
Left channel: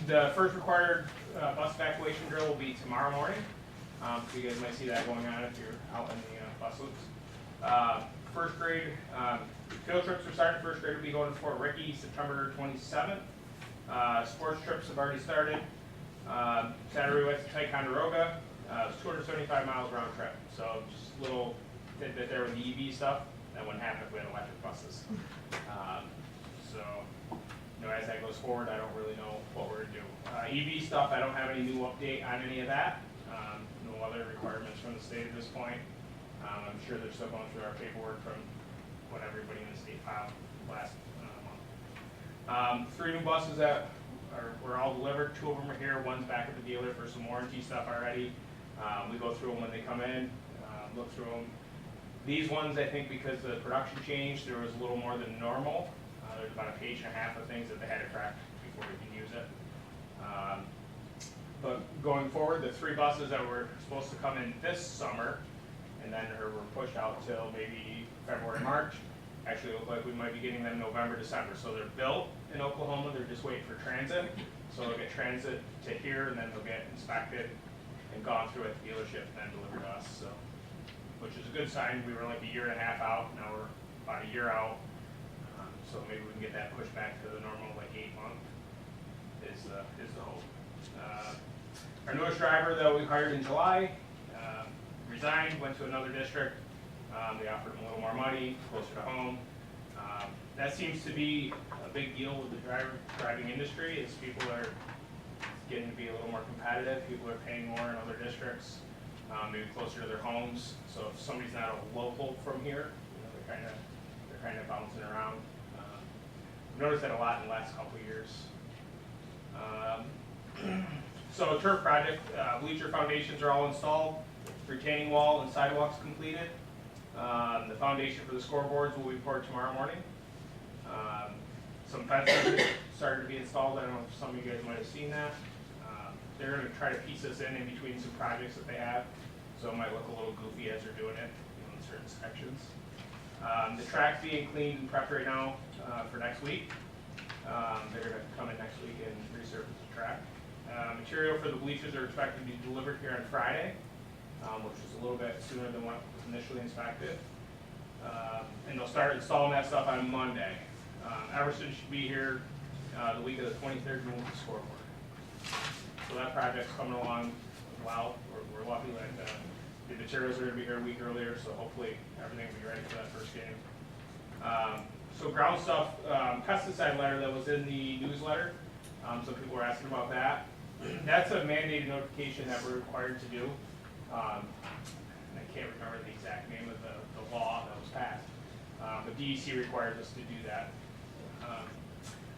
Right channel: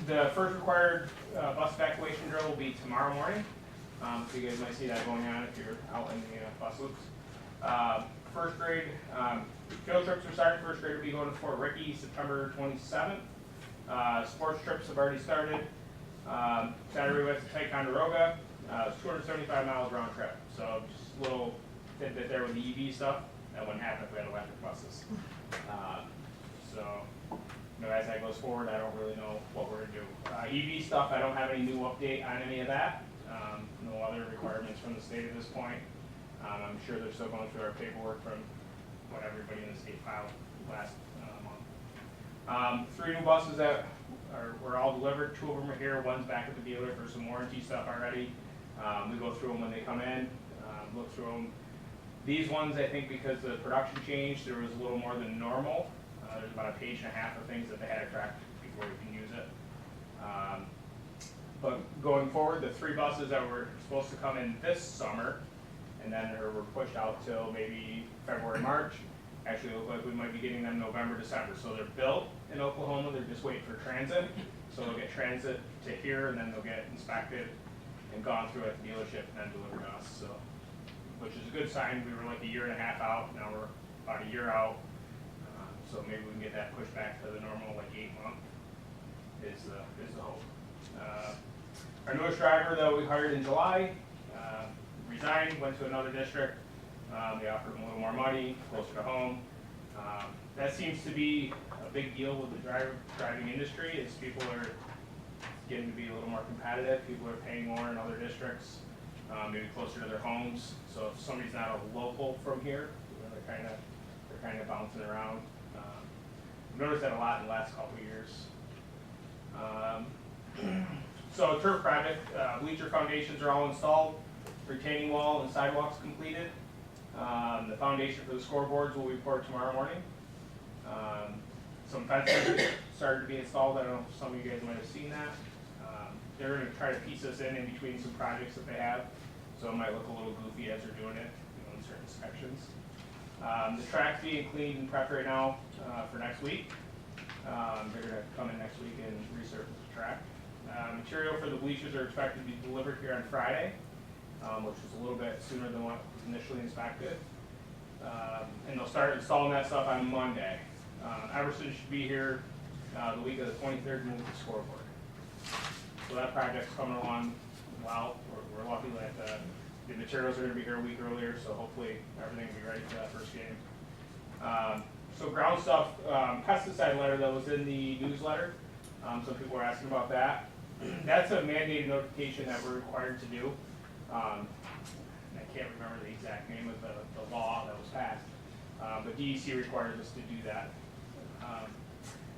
the first required bus evacuation drill will be tomorrow morning. So you guys might see that going on if you're out in the bus loops. First grade, field trips are started. First grade will be going to Fort Ricky September 27th. Sports trips have already started. Saturday we went to Ticonderoga. It was 275 miles round trip. So just a little tidbit there with the EV stuff. That wouldn't happen if we had electric buses. So, you know, as that goes forward, I don't really know what we're gonna do. EV stuff, I don't have any new update on any of that. No other requirements from the state at this point. I'm sure they're still going through our paperwork from what everybody in the state filed last month. 3 new buses that were all delivered. 2 of them are here. One's back at the dealer for some warranty stuff already. We go through them when they come in, look through them. These ones, I think because the production changed, there was a little more than normal. There's about a page and a half of things that they had to track before we can use it. But going forward, the 3 buses that were supposed to come in this summer and then were pushed out till maybe February, March, actually look like we might be getting them November, December. So they're built in Oklahoma, they're just waiting for transit. So they'll get transit to here and then they'll get inspected and gone through at the dealership and then delivered to us. So, which is a good sign. We were like a year and a half out, now we're about a year out. So maybe we can get that pushed back to the normal like 8 month is the hope. Our newest driver that we hired in July resigned, went to another district. They offered him a little more money, closer to home. That seems to be a big deal with the driving industry, is people are getting to be a little more competitive. People are paying more in other districts, maybe closer to their homes. So if somebody's not a local from here, you know, they're kind of bouncing around. I've noticed that a lot in the last couple of years. So a turf project, bleacher foundations are all installed, retaining wall and sidewalks completed. The foundation for the scoreboards will be poured tomorrow morning. Some fences started to be installed. I don't know if some of you guys might have seen that. They're going to try to piece this in between some projects that they have, so it might look a little goofy as they're doing it, you know, in certain sections. The track's being cleaned and prepped right now for next week. They're going to come in next week and resurface the track. Material for the bleachers are expected to be delivered here on Friday, which is a little bit sooner than what was initially inspected. And they'll start installing that stuff on Monday. Everson should be here the week of the 23rd to move the scoreboard. So that project's coming along well. We're lucky that the materials are going to be here a week earlier, so hopefully everything will be ready for that first game. So ground stuff, pesticide letter that was in the newsletter. Some people were asking about that. That's a mandated notification that we're required to do. I can't remember the exact name of the law that was passed, but DEC requires us to do that.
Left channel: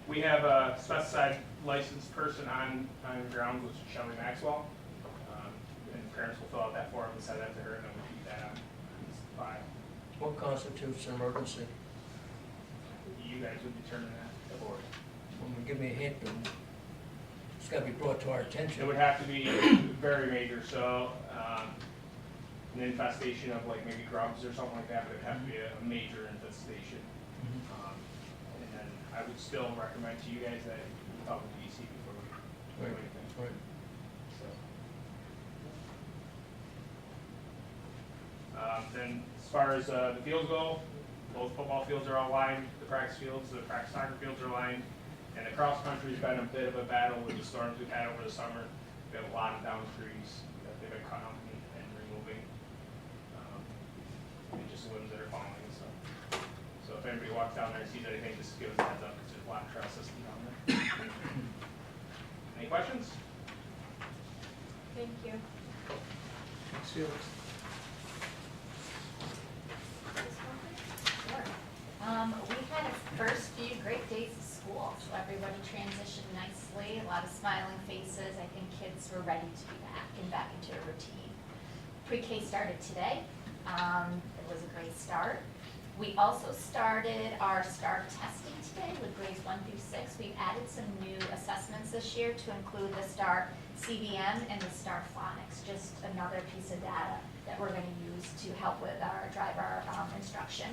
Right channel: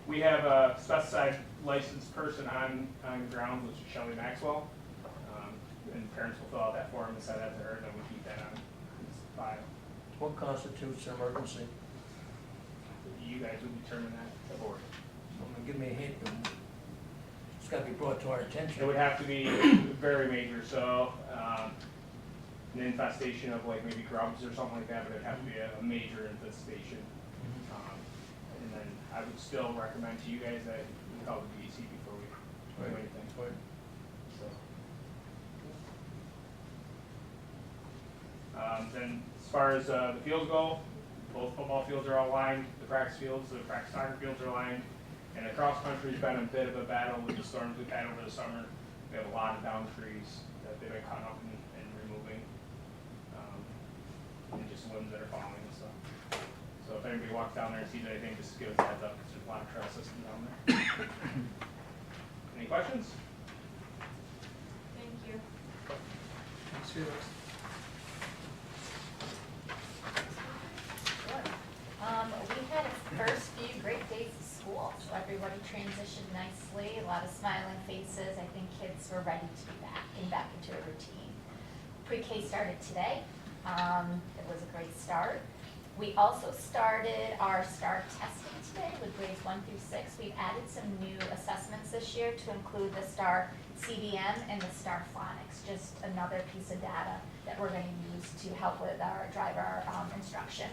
We have a specified licensed person on ground, which is Shelley Maxwell, and parents will fill out that form and send that to her, and then we keep that on file. What constitutes an emergency? You guys would determine that, the board. Give me a hint. It's got to be brought to our It attention. would have to be very major, so an infestation of like maybe grubs or something like that, but it'd have to be a major infestation. And then I would still recommend to you guys that we call the DEC before we do anything. Right. So. Then as far as the fields go, both football fields are all lined, the practice fields, the practice soccer fields are lined, and the cross country's been a bit of a battle with the storms we've had over the summer. We have a lot of down trees that they've been cutting up and removing, and just limbs that are falling and stuff. So if anybody walks down there and sees anything, just give us a heads up, because there's a lot of trail system down there. Any questions? Thank you. Thanks, Felix. Sure. We had a first few great days of school, so everybody transitioned nicely, a lot of smiling faces. I think kids were ready to be back and back into a routine. Pre-K started today. It was a great start. We also started our STAR testing today with grades 1 through 6. We've added some new assessments this year to include the STAR CDM and the STAR phonics, just another piece of data that we're gonna use to help with our driver instruction.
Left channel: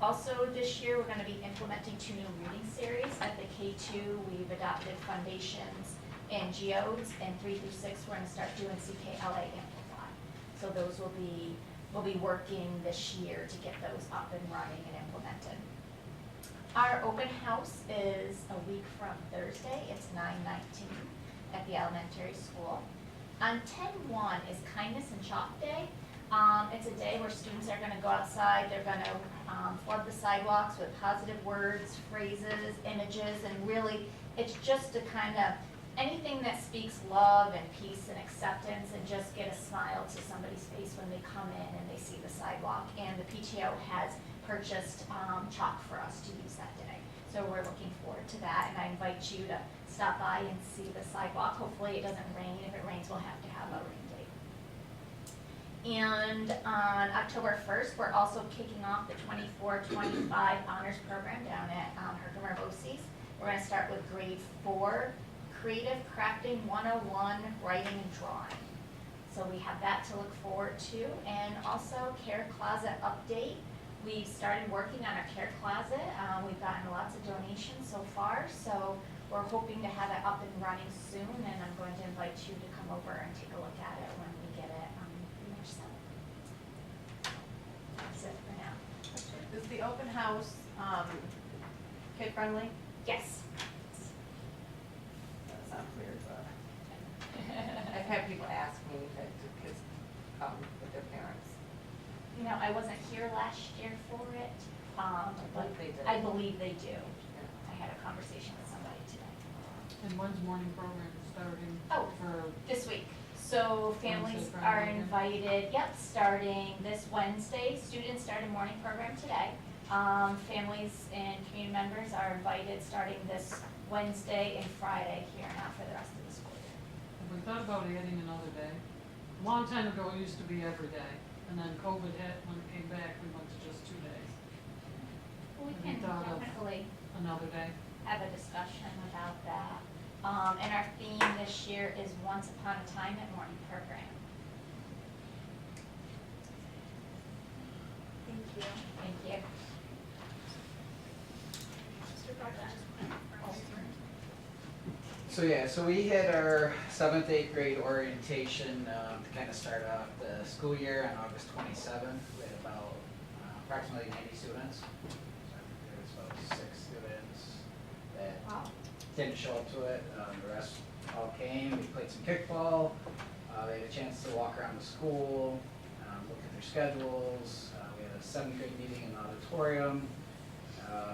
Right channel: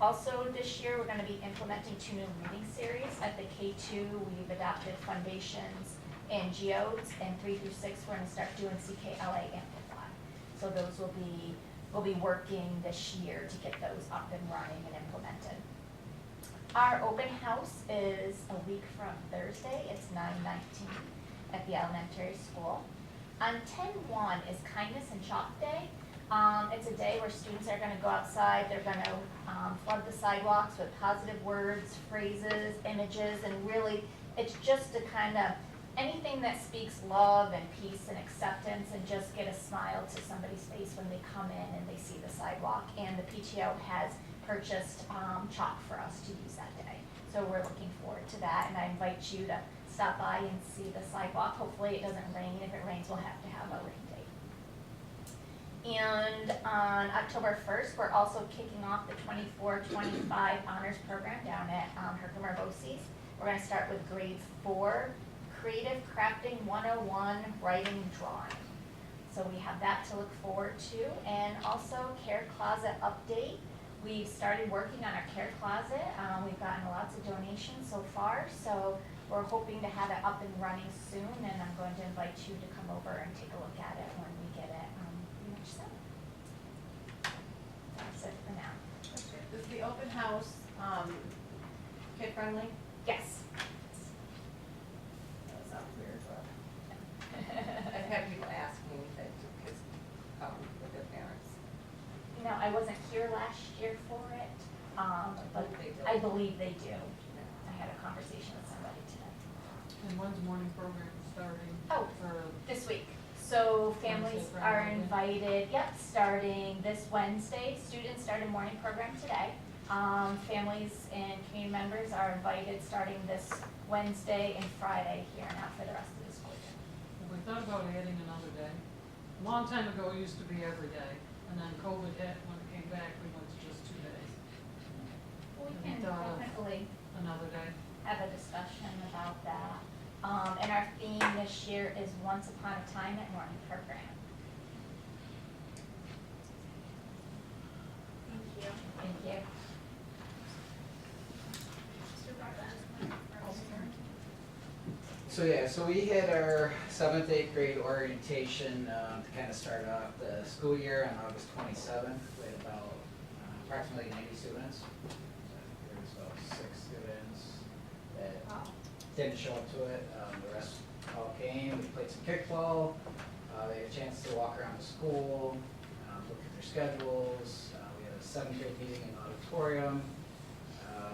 Also this year, we're gonna be implementing 2 new reading series. At the K2, we've adopted Foundations and Geodes, and 3 through 6, we're gonna start doing CKLA Amplify. So those we'll be working this year to get those up and running and implemented. Our open house is a week from Thursday. It's 9/19 at the elementary school. On 10/1 is Kindness and Chalk Day. It's a day where students are gonna go outside, they're gonna flood the sidewalks with positive words, phrases, images, and really, it's just to kind of, anything that speaks love and peace and acceptance, and just get a smile to somebody's face when they come in and they see the sidewalk. And the PTO has purchased chalk for us to use that day. So we're looking forward to that, and I invite you to stop by and see the sidewalk. Hopefully it doesn't rain. If it rains, we'll have to have a rain date. And on October 1st, we're also kicking off the 24-25 honors program down at Herkimer BOCES. We're gonna start with grade 4, Creative Crafting 101, Writing and Drawing. So we have that to look forward to. And also Care Closet update. We started working on our Care Closet. We've gotten lots of donations so far, so we're hoping to have it up and running soon, and I'm going to invite you to come over and take a look at it when we get it pretty much set. That's it for now. Is the open house, kid friendly? Yes. That sounds weird, but I've had people ask me if do kids come with their parents. You know, I wasn't here last year for it, but they did. I believe they do. Yeah. I had a conversation with somebody today. And when's morning program starting Oh. for, This week. So families Wednesday, are Friday. invited, yep, starting this Wednesday. Students started morning program today. Families and community members are invited starting this Wednesday and Friday here and out for the rest of the school year. have we thought about adding another day? A long time ago, it used to be every day, and then COVID hit, when it came back, we went to just 2 days. We Have you can thought of definitely another day? have a discussion about that. And our theme this year is Once Upon a Time at Morning Program. Thank you. Thank you. Mr. Buckles, So yeah, so we had our 7th, 8th grade orientation to kind of start off the school year on August 27th. We had about approximately 90 students. So I think there was about 6 students that Wow. didn't show up to it. The rest all came. We played some kickball. They had a chance to walk around the school, look at their schedules. We had a 7th grade meeting in the auditorium.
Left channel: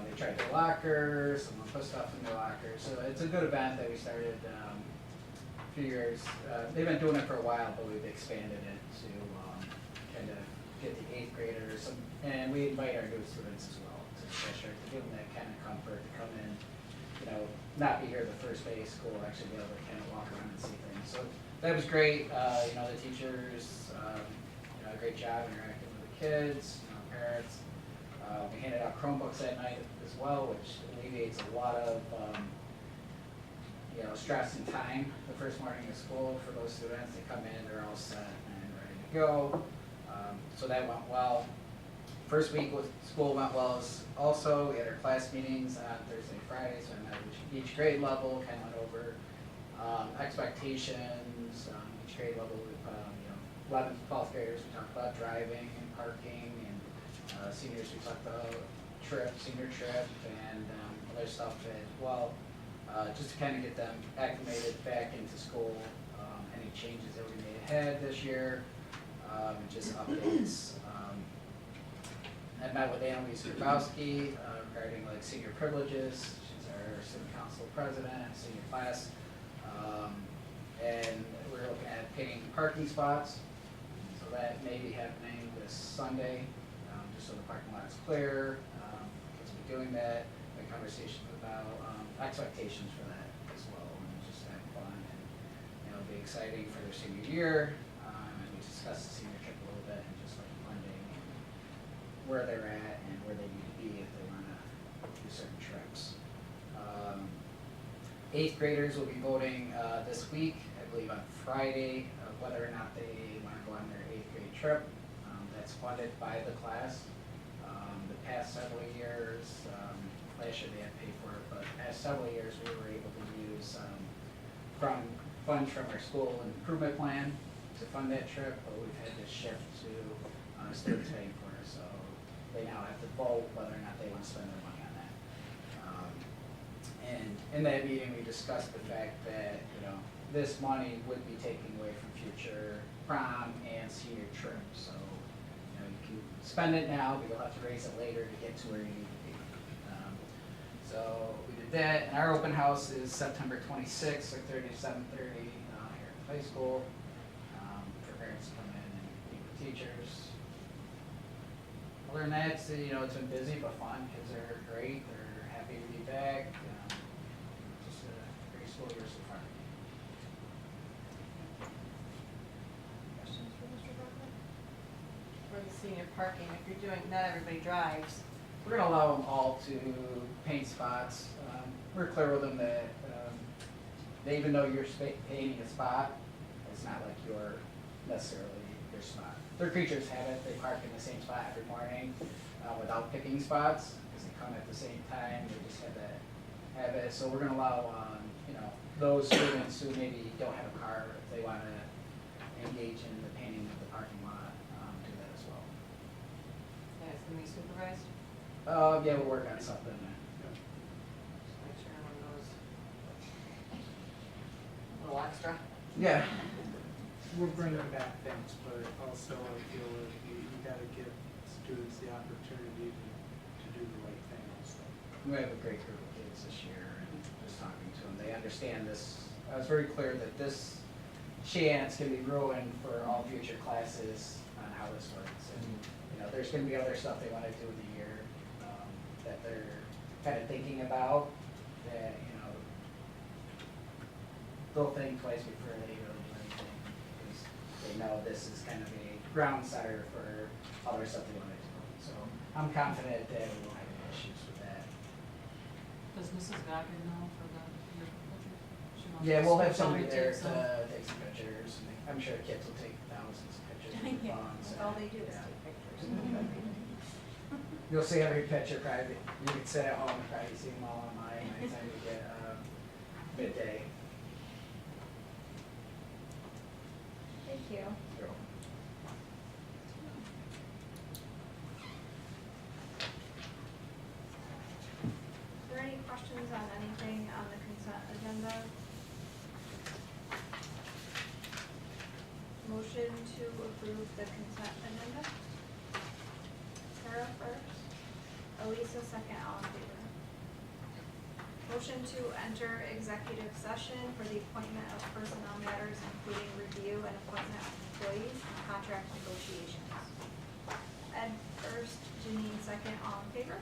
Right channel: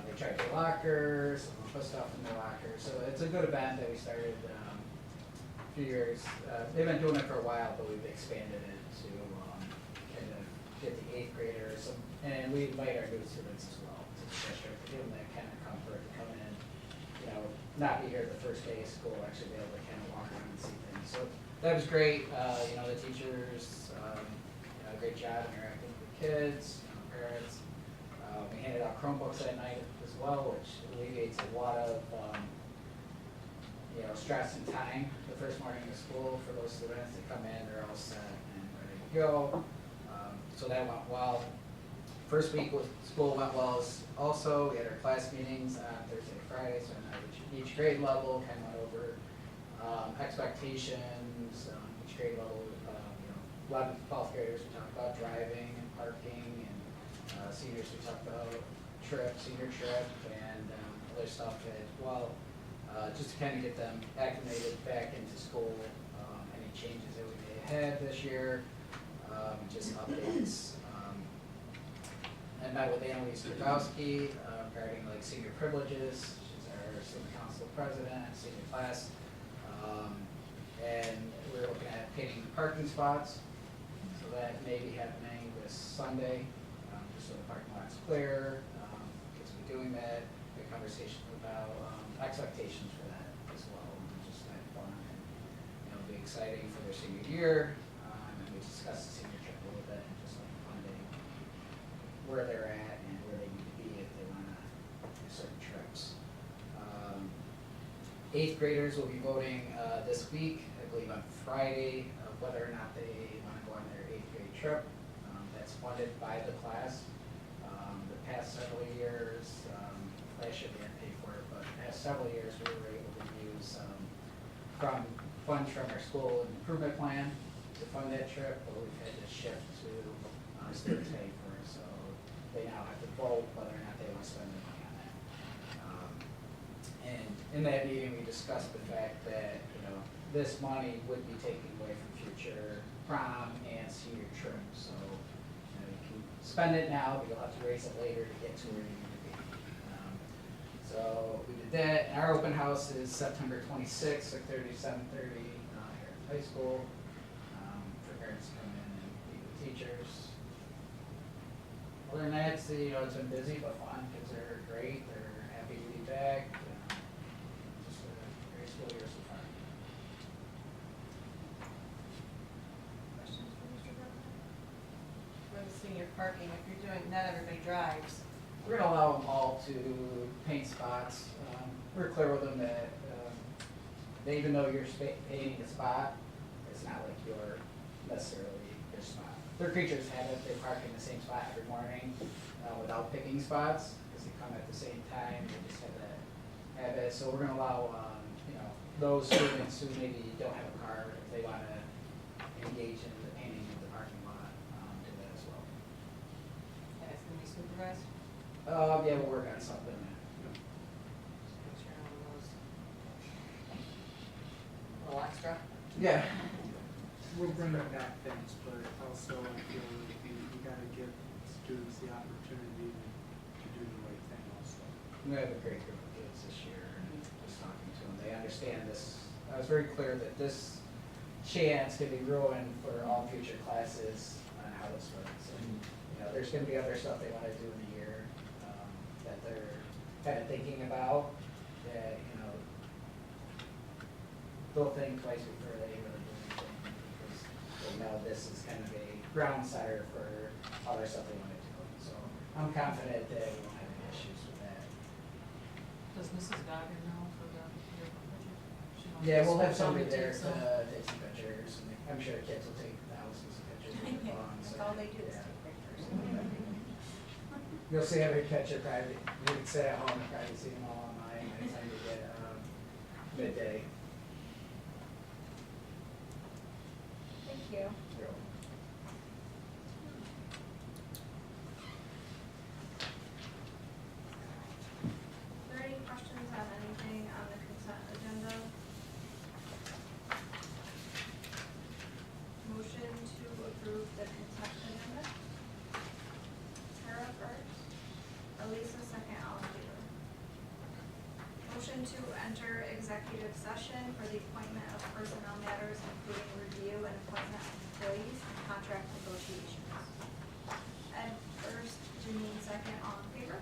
They tried their lockers, someone put stuff in their lockers. So it's a good event that we started a few years. They've been doing it for a while, but we've expanded it to kind of get the 8th graders. And we invite our new students as well to the district, to give them that kind of comfort to come in, you know, not be here the first day of school, actually be able to kind of walk around and see things. So that was great. You know, the teachers, you know, a great job interacting with the kids, you know, parents. We handed out Chromebooks that night as well, which alleviates a lot of, you know, stress and time the first morning of school for those students. They come in, they're all set and ready to go. So that went well. First week with school went well also. We had our class meetings on Thursday and Friday, so I met each grade level, kind of went over expectations, each grade level with, you know, 11th, 12th graders, we talked about driving and parking, and seniors, we talked about senior trip, and other stuff as well, just to kind of get them acclimated back into school, any changes that we may have had this year, and just updates. I met with Annalise Grabowski regarding like senior privileges. She's our student council president, senior class. And we're looking at painting parking spots. So that may be happening this Sunday, just so the parking lot's clear. Get some doing that, the conversation about expectations for that as well, and just have fun and, you know, be exciting for their senior year. And we discussed the senior trip a little bit and just like funding where they're at and where they need to be if they wanna do certain trips. 8th graders will be voting this week, I believe on Friday, of whether or not they wanna go on their 8th grade trip. That's funded by the class. The past several years, last year they had to pay for it, but the past several years we were able to use from funds from our school improvement plan to fund that trip, but we've had to shift to students paying for it, so they now have to vote whether or not they want to spend their money on that. And in that meeting, we discussed the fact that, you know, this money would be taken away from future prom and senior trips, so you can spend it now, but you'll have to raise it later to get to where you need to be. So we did that. Our open house is September 26th, 6:30 to 7:30 here at the high school. For parents to come in and meet with teachers. Other than that, it's, you know, it's been busy but fun. Kids are great. They're happy to be back. Just a great school year so far. Questions for Mr. Barker? For the senior parking, if you're doing, not everybody drives. We're gonna allow them all to paint spots. We're clear with them that, even though you're painting a spot, it's not like you're necessarily your spot. Their creatures have it, they park in the same spot every morning, without picking spots, because they come at the same time, they just have that habit. So we're gonna allow, you know, those students who maybe don't have a car, if they wanna engage in the painting of the parking lot, do that as well. Yeah, it's gonna be supervised. Yeah, we'll work on something. Just make sure everyone knows. A little extra. Yeah. We're bringing back things, but also I feel that we gotta give students the opportunity to do the right thing also. We have a great group of kids this year, and just talking to them, they understand this. I was very clear that this chance can be ruined for all future classes on how this works. And, you know, there's gonna be other stuff they wanna do in the year, that they're kind of thinking about, that, you know, they'll think twice before they really do anything, because they know this is kind of a ground setter for other stuff they wanna do. So I'm confident that we won't have any issues with that. Does Mrs. Goggin know for the year budget? She wants Yeah, to we'll have switch on somebody to there take to some. take some pictures, and I'm sure kids will take thousands of pictures of their phones. That's all they do is Yeah. take pictures. You'll see every picture probably, you can sit at home and probably see them all online by the time you get, midday. Thank you. Are there any questions on anything on the consent agenda? Motion to approve the consent agenda? Tara first, Elisa second, all in favor. Motion to enter executive session for the appointment of personnel matters, including review and appointment of employees and contract negotiations. Ed first, Janine second, all in favor?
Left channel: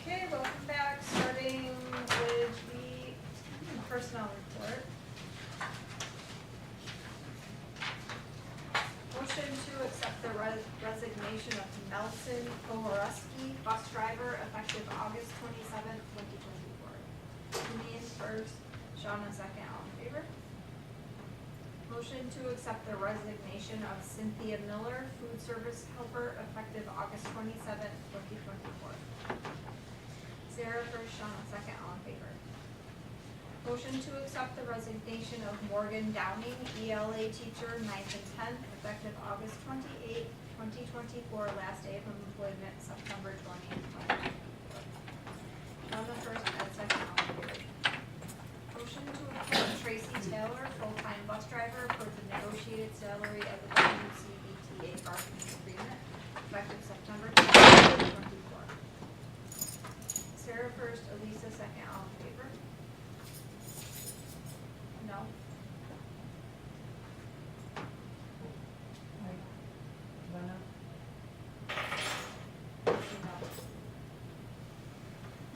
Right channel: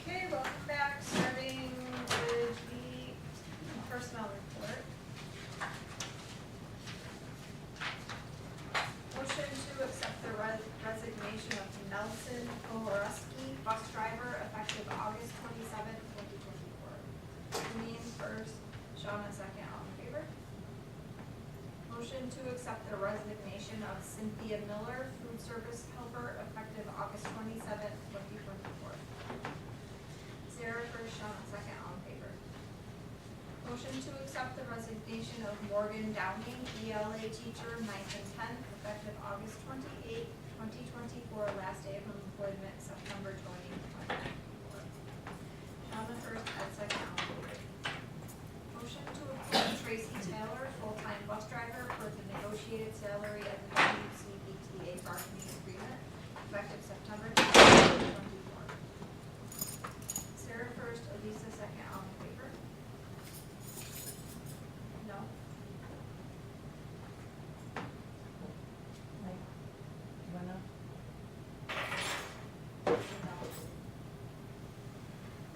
Okay, welcome back, starting with the personnel report. Motion to accept the resignation of Nelson Kowaruski, bus driver, effective August 27th, 2024. Janine first, Shawna second, all in favor? Motion to accept the resignation of Cynthia Miller, food service helper, effective August 27th, 2024. Sarah first, Shawna second, all in favor? Motion to accept the resignation of Morgan Downing, ELA teacher, 9th and 10th, effective August 28th, 2024, last day of employment, September 20th, 2024. Shawna first, Ed second, all in favor? Motion to appoint Tracy Taylor, full-time bus driver, for the negotiated salary of the WCBTA bargaining agreement, effective September 10th, 2024. Sarah first, Elisa second, all in favor? No?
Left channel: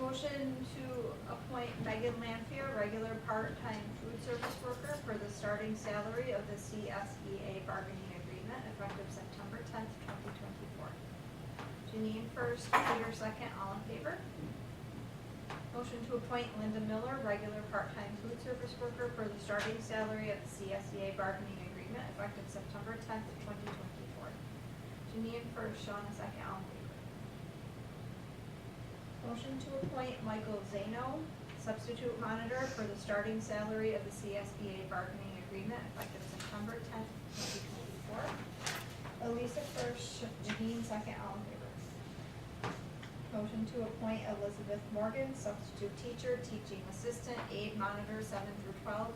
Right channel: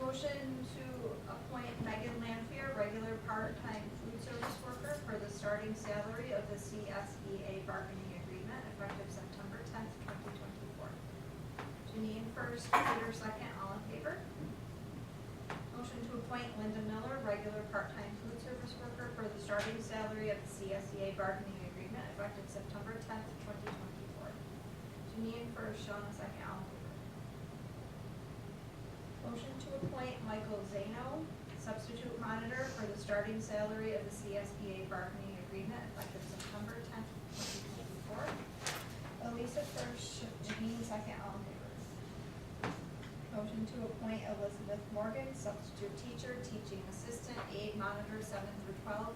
Motion to appoint Megan Lanfear, regular part-time food service worker, for the starting salary of the CSEA bargaining agreement, effective September 10th, 2024. Janine first, Peter second, all in favor? Motion to appoint Linda Miller, regular part-time food service worker, for the starting salary of the CSEA bargaining agreement, effective September 10th, 2024. Janine first, Shawna second, all in favor? Motion to appoint Michael Zano, substitute monitor, for the starting salary of the CSBA bargaining agreement, effective September 10th, 2024. Elisa first, Janine second, all in favor? Motion to appoint Elizabeth Morgan, substitute teacher, teaching assistant, aide monitor, 7 through 12,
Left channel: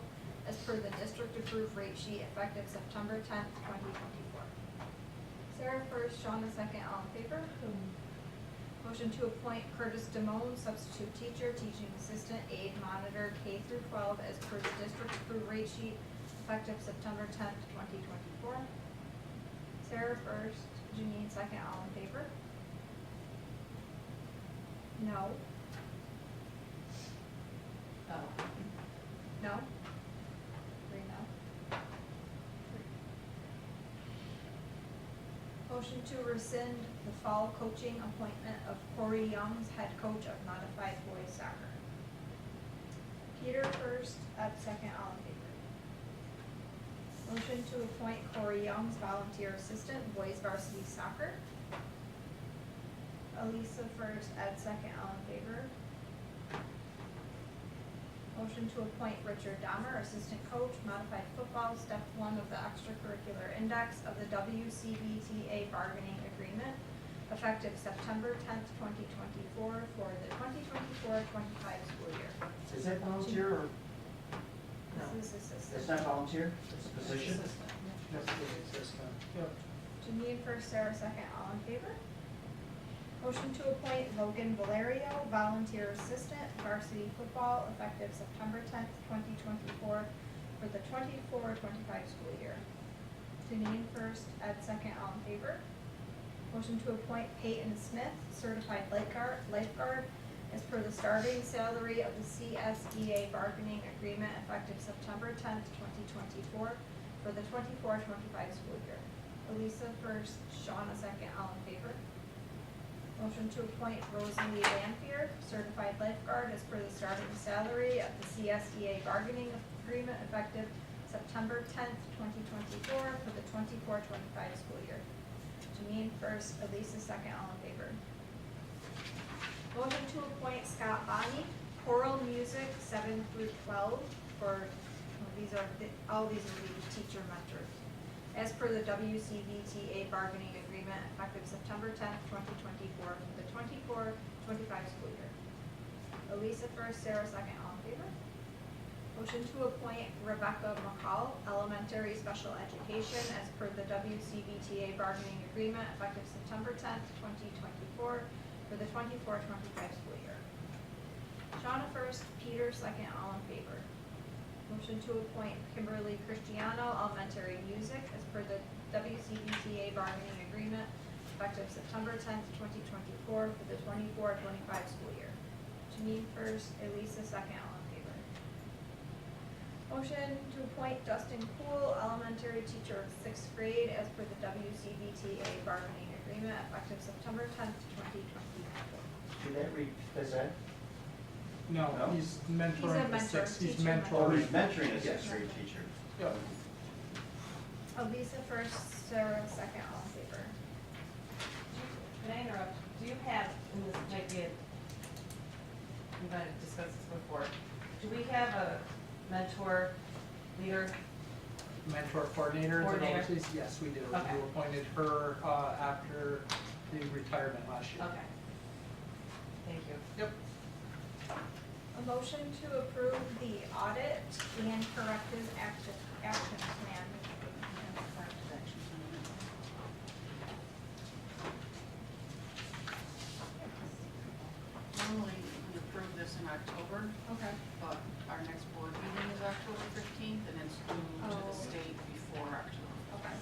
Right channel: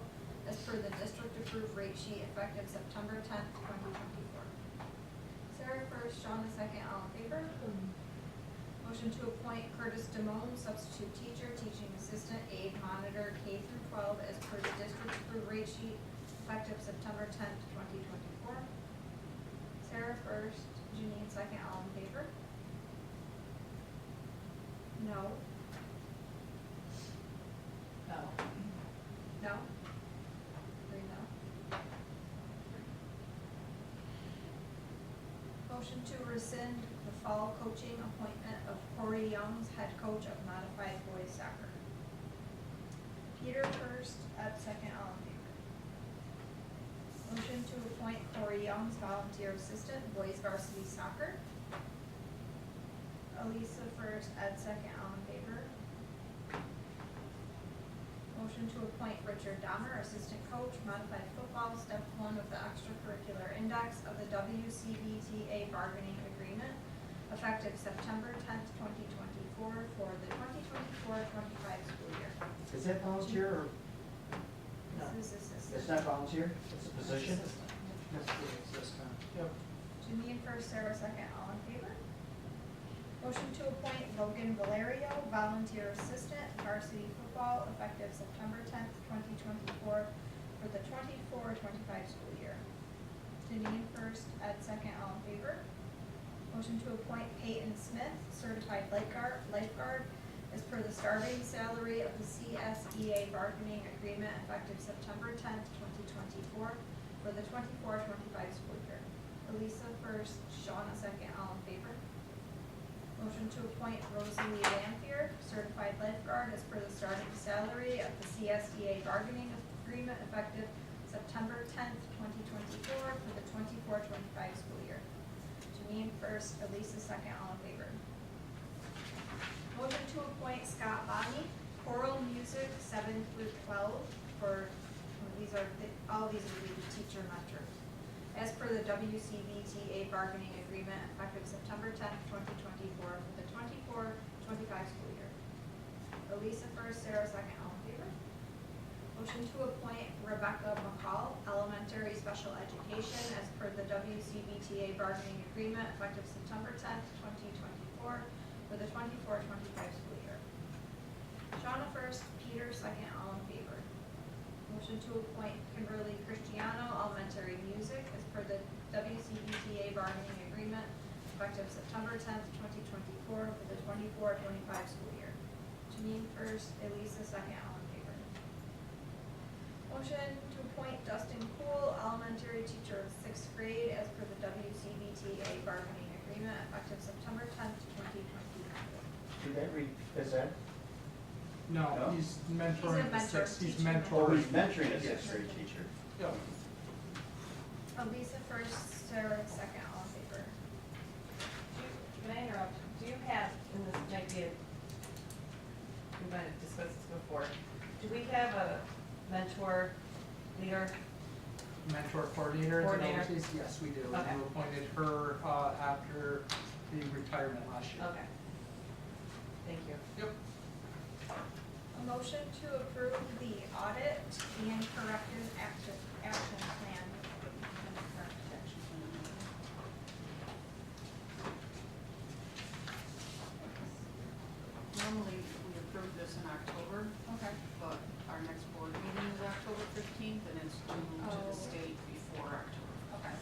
as per the district approved rate sheet, effective September 10th, 2024. Sarah first, Shawna second, all in favor? Motion to appoint Curtis Damone, substitute teacher, teaching assistant, aide monitor, K through 12, as per the district approved rate sheet, effective September 10th, 2024. Sarah first, Janine second, all in favor? No? No? 3 no? Motion to rescind the fall coaching appointment of Corey Young's head coach of modified boys soccer. Peter first, Ed second, all in favor? Motion to appoint Corey Young's volunteer assistant, boys varsity soccer. Elisa first, Ed second, all in favor? Motion to appoint Richard Dahmer, assistant coach, modified football, step 1 of the extracurricular index of the WCBTA bargaining agreement, effective September 10th, 2024, for the 2024-25 school year. Is that volunteer or? No, This is assistant. it's not volunteer, it's a position? That's the way it says, yep. Janine first, Sarah second, all in favor? Motion to appoint Logan Valerio, volunteer assistant, varsity football, effective September 10th, 2024, for the 24-25 school year. Janine first, Ed second, all in favor? Motion to appoint Peyton Smith, certified lifeguard, as per the starting salary of the CSEA bargaining agreement, effective September 10th, 2024, for the 24-25 school year. Elisa first, Shawna second, all in favor? Motion to appoint Rosalie Lanfear, certified lifeguard, as per the starting salary of the CSEA bargaining agreement, effective September 10th, 2024, for the 24-25 school year. Janine first, Elisa second, all in favor? Motion to appoint Scott Bonney, choral music, 7 through 12, for, all these will be teacher mentors, as per the WCBTA bargaining agreement, effective September 10th, 2024, for the 24-25 school year. Elisa first, Sarah second, all in favor? Motion to appoint Rebecca McCall, elementary special education, as per the WCBTA bargaining agreement, effective September 10th, 2024, for the 24-25 school year. Shawna first, Peter second, all in favor? Motion to appoint Kimberly Cristiano, elementary music, as per the WCBTA bargaining agreement, effective September 10th, 2024, for the 24-25 school year. Janine first, Elisa second, all in favor. Motion to appoint Dustin Poole, elementary teacher of 6th grade, as per the WCBTA bargaining agreement, effective September 10th, 2024. Did that read phys ed? No, No? he's He's a mentoring the mentor, six, he's teacher Oh, mentoring. he's mentoring a Yes. sixth grade teacher. Yep. Elisa first, Sarah second, all in favor. Can I interrupt? Do you have, and this might be we might have discussed this before, do we have a mentor leader? Mentor coordinator. Coordinator. overseas? Yes, we do. Okay. You appointed her, after the retirement last year. Okay. Thank you. Yep. A motion to approve the audit and corrective action plan. Normally, we approve this in October, Okay. but our next board meeting is October 15th, and it's due to Oh. the state before October. Okay.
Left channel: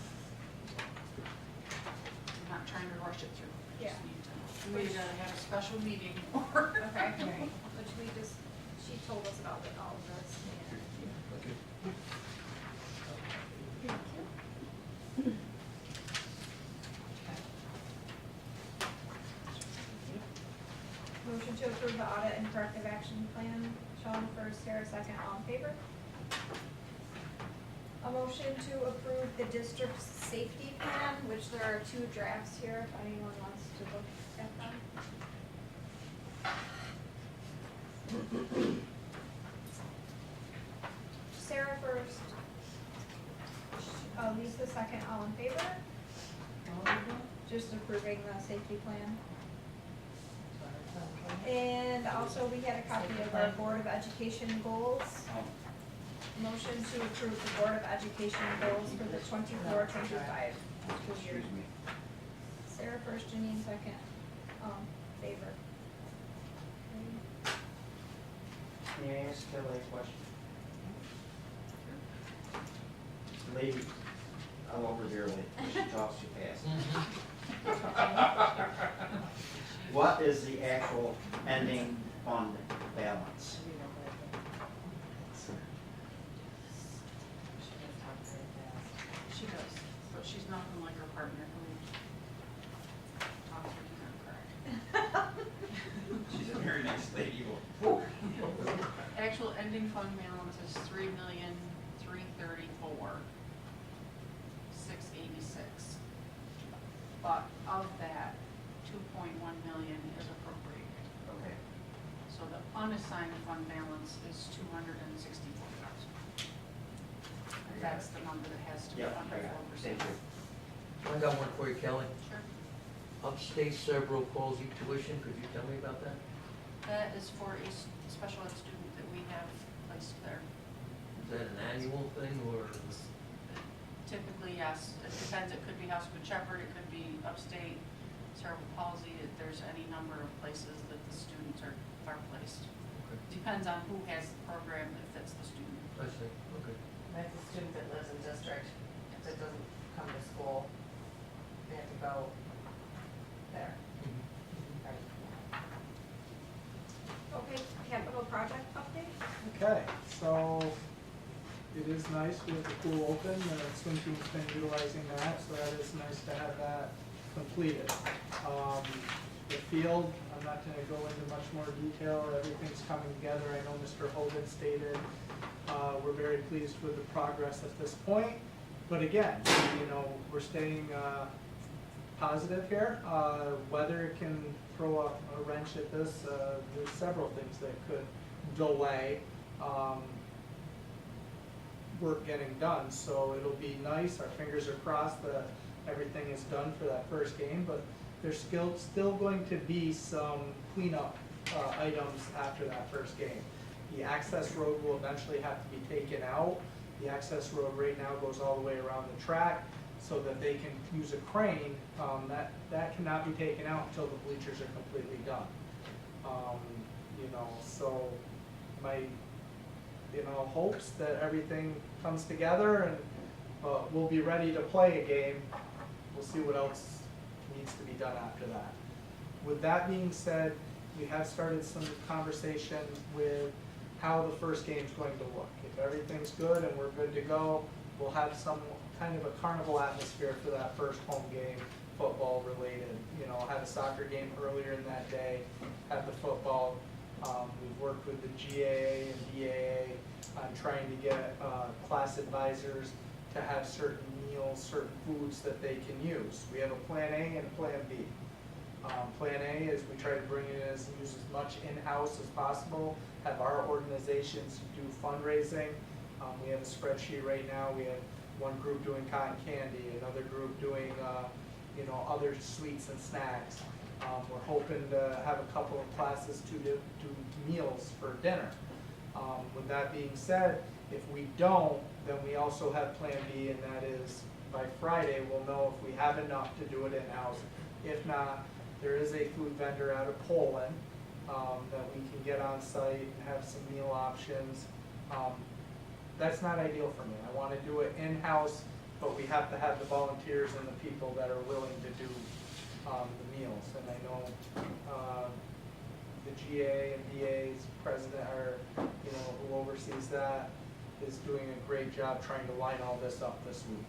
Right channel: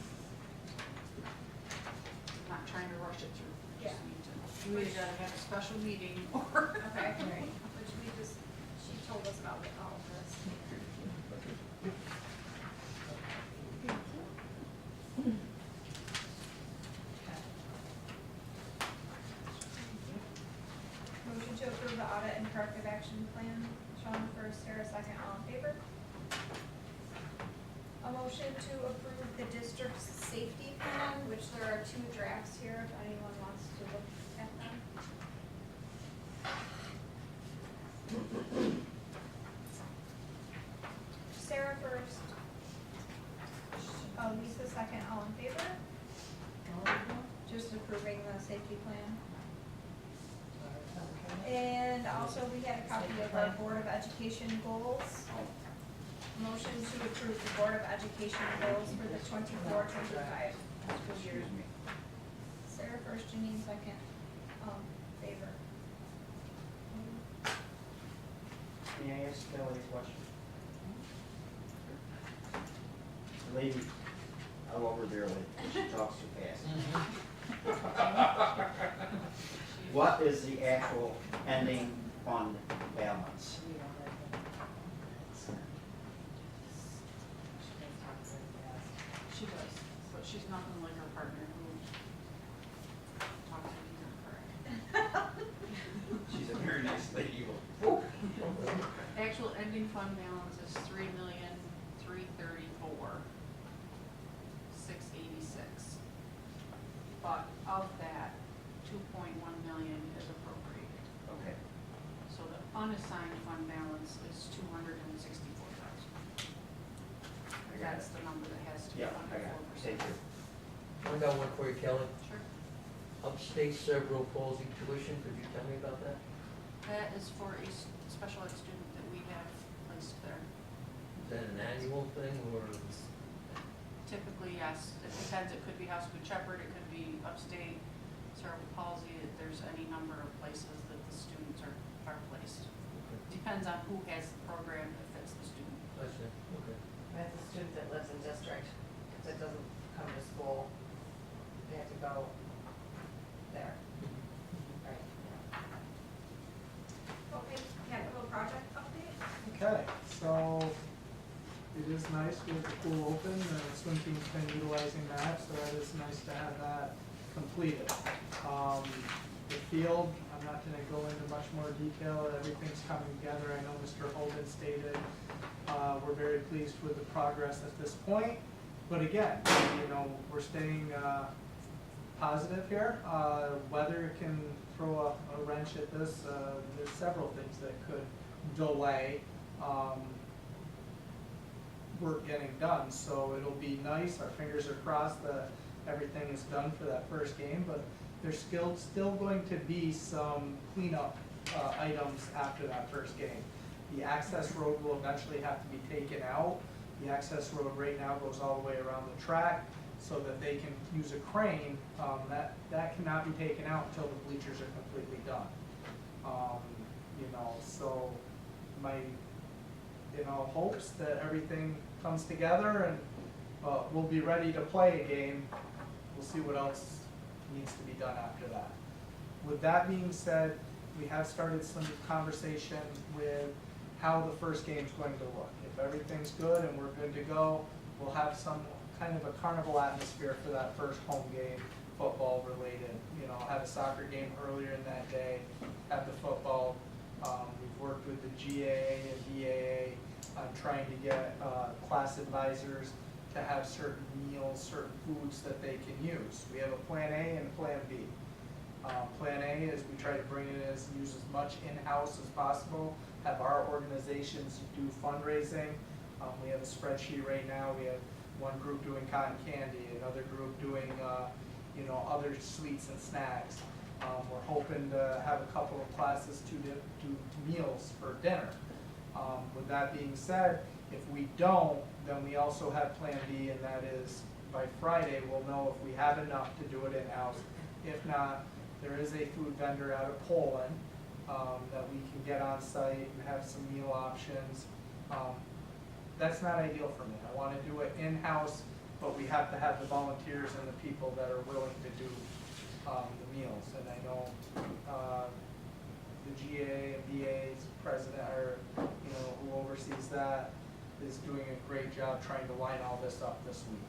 I'm not trying to rush it through, I Yeah. just need to, we either gotta have a special meeting or. Okay, right, which we just, she told us about like all of this and. Motion to approve the audit and corrective action plan, Sean first, Sarah second, all in favor? A motion to approve the district's safety plan, which there are 2 drafts here, if anyone wants to look at them. Sarah first. Lisa second, all in favor? Just approving the safety plan. And also, we had a copy of our Board of Education goals. Motion to approve the Board of Education goals for the 24-25 school year. Excuse me. Sarah first, Janine second, favor. May I ask Kelly a question? Lady, I'm over barely, she talks too fast. What is the actual ending fund balance? She does, but she's nothing like her partner who talks incorrect. She's a very nice lady. Actual ending fund balance is $3,334,686. But of that, 2.1 million is appropriated. Okay. So the unassigned fund balance is 264,000. That's the number that has to be Yeah, under I got 4%. it. Thank you. I got one for you, Kelly. Sure. Upstate cerebral palsy tuition, could you tell me about that? That is for a special ed student that we have placed there. Is that an annual thing, or? Typically, yes, it depends, it could be House Good Shepherd, it could be upstate cerebral palsy, there's any number of places that the students are placed. Okay. Depends on who has the program that fits the student. I see, okay. That's a student that lives in district, that doesn't come to school, they have to go there. Right. Okay, capital project update? Okay, so it is nice, we have the pool open, the swim team's been utilizing that, so that is nice to have that completed. The field, I'm not gonna go into much more detail, everything's coming together, I know Mr. Holden stated, we're very pleased with the progress at this point. But again, you know, we're staying, positive here, weather can throw a wrench at this, there's several things that could delay, work getting done, so it'll be nice, our fingers are crossed that everything is done for that first game, but there's still going to be some cleanup, items after that first game. The access road will eventually have to be taken out. The access road right now goes all the way around the track so that they can use a crane. That cannot be taken out until the bleachers are completely done. You know, so hopes that everything comes together and, we'll be ready to play a game. We'll see what else needs to be done after that. With that being said, we have started some conversation with how the first game's going to look. If everything's good and we're good to go, we'll have some kind of a carnival atmosphere for that first home game, football related. Had a soccer game earlier in that day, had the football. We've worked with the GAA and BAA on trying to get class advisors to have certain meals, certain foods that they can use. We have a plan A and a plan B. Plan A is we try to bring it use as much in-house as possible, have our organizations do fundraising. We have a spreadsheet right now. We have one group doing cotton candy, another group doing other sweets and snacks. We're hoping to have a couple of classes to do meals for dinner. With that being said, if we don't, then we also have plan B, and that is by Friday, we'll know if we have enough to do it in-house. If not, there is a food vendor out of Poland that we can get on site and have some meal options. That's not ideal for me. I want to do it in-house, but we have to have the volunteers and the people that are willing to do the meals. And I know the GA and BA's president, or who oversees that, is doing a great job trying to line all this up this week.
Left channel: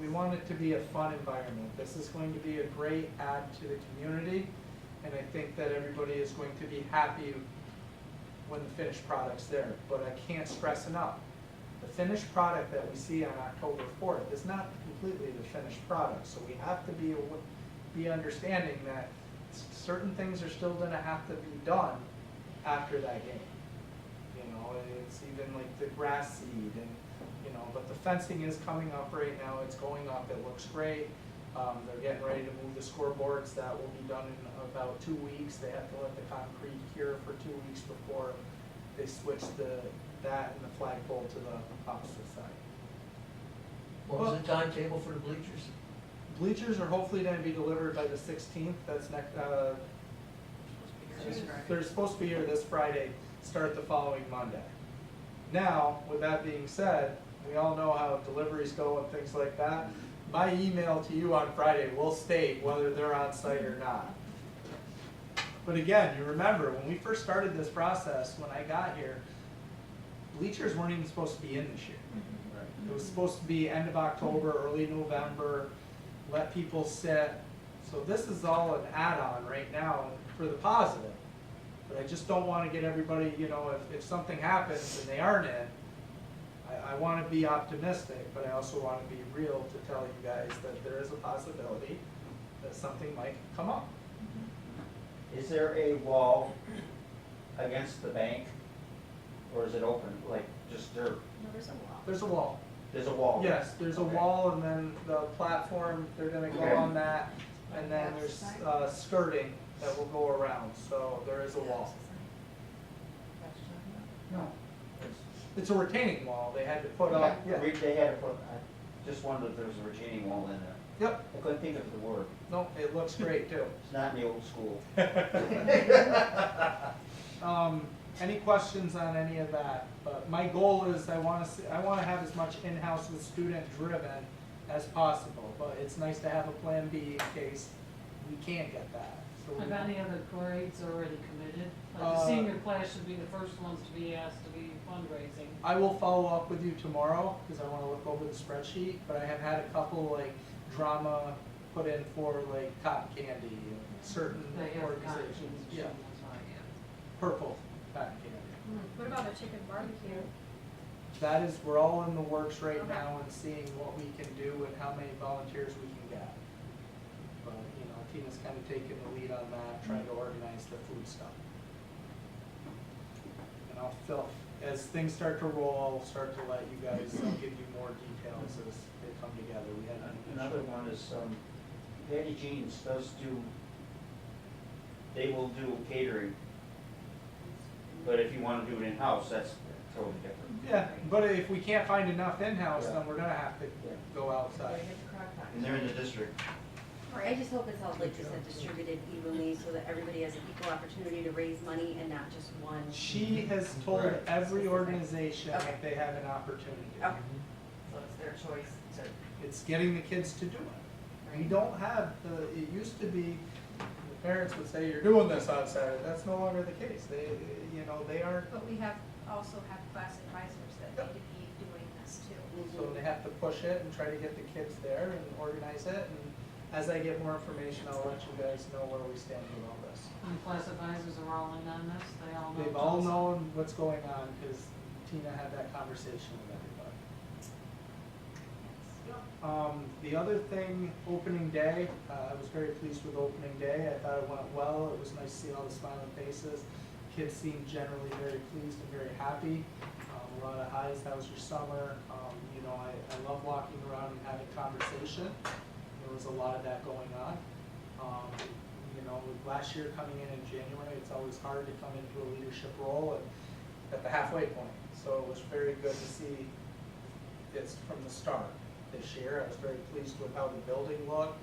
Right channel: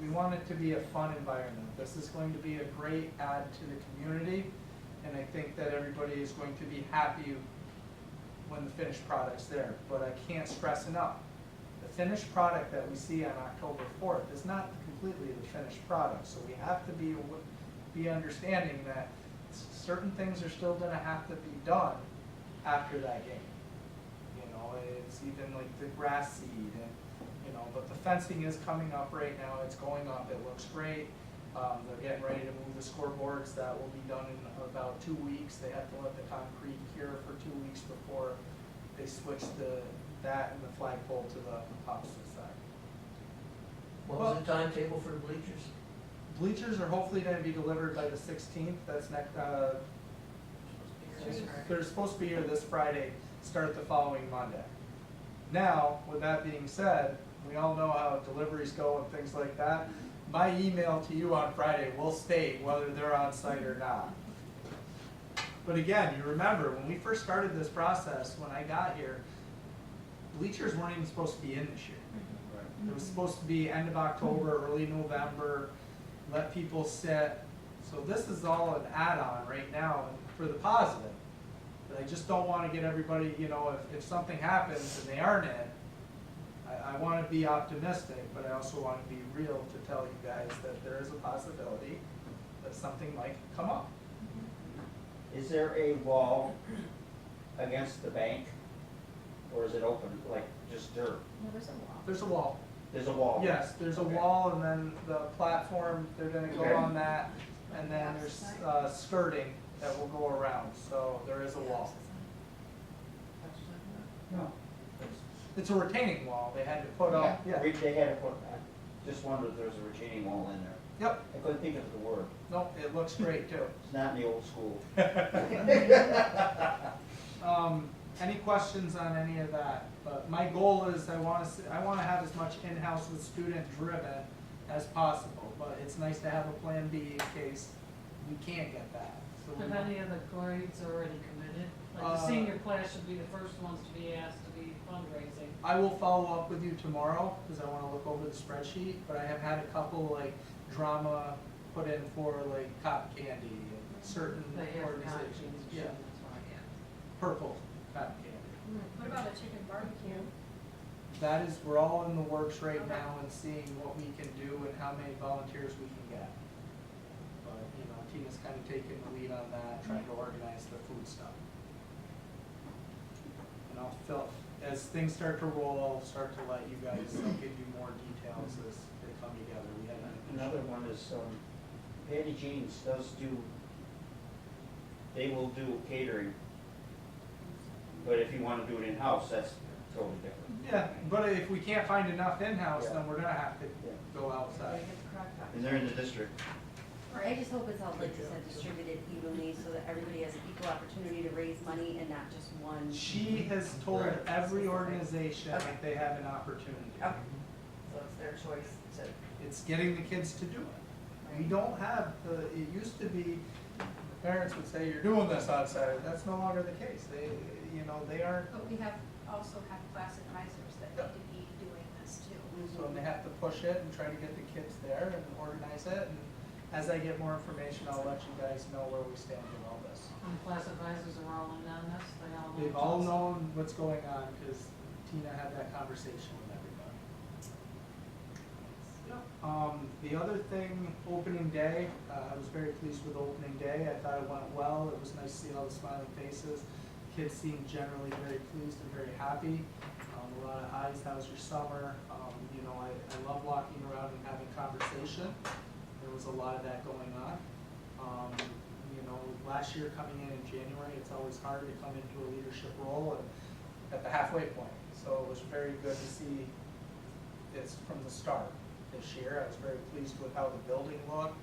We want it to be a fun environment. This is going to be a great add to the community, and I think that everybody is going to be happy when the finished product's there. But I can't stress enough, the finished product that we see on October 4th is not completely the finished product. So we have to be understanding that certain things are still gonna have to be done after that game. It's even like the grass seed and, but the fencing is coming up right now. It's going up. It looks great. They're getting ready to move the scoreboards. That will be done in about 2 weeks. They have to let the concrete cure for 2 weeks before they switch that and the flagpole to the opposite side. What was the timetable for the bleachers? Bleachers are hopefully gonna be delivered by the 16th. That's next, they're supposed to be here this Friday, start the following Monday. Now, with that being said, we all know how deliveries go and things like that. My email to you on Friday will state whether they're on site or not. But again, you remember, when we first started this process, when I got here, bleachers weren't even supposed to be in this year. It was supposed to be end of October, early November, let people sit. So this is all an add-on right now for the positive. But I just don't want to get everybody, if something happens and they aren't in, I want to be optimistic, but I also want to be real to tell you guys that there is a possibility that something might come up. Is there a wall against the bank, or is it open, like just dirt? No, there's a wall. There's a wall. There's a wall? Yes, there's a Okay. wall, and then the platform, they're gonna go Okay. on that, and then there's skirting that will go around, so there is a wall. No. It's a retaining wall, they had to put up, yeah. They had to put, I just wondered if there was a retaining wall in there. Yep, I couldn't think of the word. no, it looks great too. It's not in the old school. Any questions on any of that? But my goal is I wanna have as much in-house with student driven as possible, but it's nice to have a plan B in case we can't get that. So we Have any of the grades already committed? Like Uh, the senior class should be the first ones to be asked to be fundraising. I will follow up with you tomorrow, because I wanna look over the spreadsheet, but I have had a couple like drama put in for like cotton candy and certain They have organizations. contributions, Yeah, that's why, yeah. purple cotton candy. What about a chicken barbecue? That is, we're all in the works right Okay. now and seeing what we can do and how many volunteers we can get. But, Tina's kind of taking the lead on that, trying to organize the food stuff. And as things start to roll, I'll start to let you guys, I'll give you more details as they come together. We had Another one is, Patty Jean's they will do catering. But if you wanna do it in-house, that's totally different. Yeah, but if we can't find enough in-house, Yeah. then we're gonna have to Yeah. go outside. And they're in the district. I just hope it's all, like you said, distributed evenly so that everybody has an equal opportunity to raise money and not just one. She has told Right. every organization Okay. that they have an opportunity. Okay, so it's their choice to. It's getting the kids to do it. We Right. don't have, it used to be, the parents would say, you're doing this on Saturday. That's no longer the case. They aren't, But we also have class advisors that need to be doing this too. so they have to push it and try to get the kids there and organize it. And as I get more information, I'll let you guys know where we stand with all this. And the class advisors are all in on this, they all know. They've all known what's going on because Tina had that conversation with everybody. The other thing, opening day, I was very pleased with opening day. I thought it went well. It was nice to see all the smiling faces. Kids seemed generally very pleased and very happy. A lot of highs, how was your summer? I love walking around and having conversation. There was a lot of that going on. Last year coming in January, it's always hard to come into a leadership role and at the halfway point. So it was very good to see it's from the start this year. I was very pleased with how the building looked.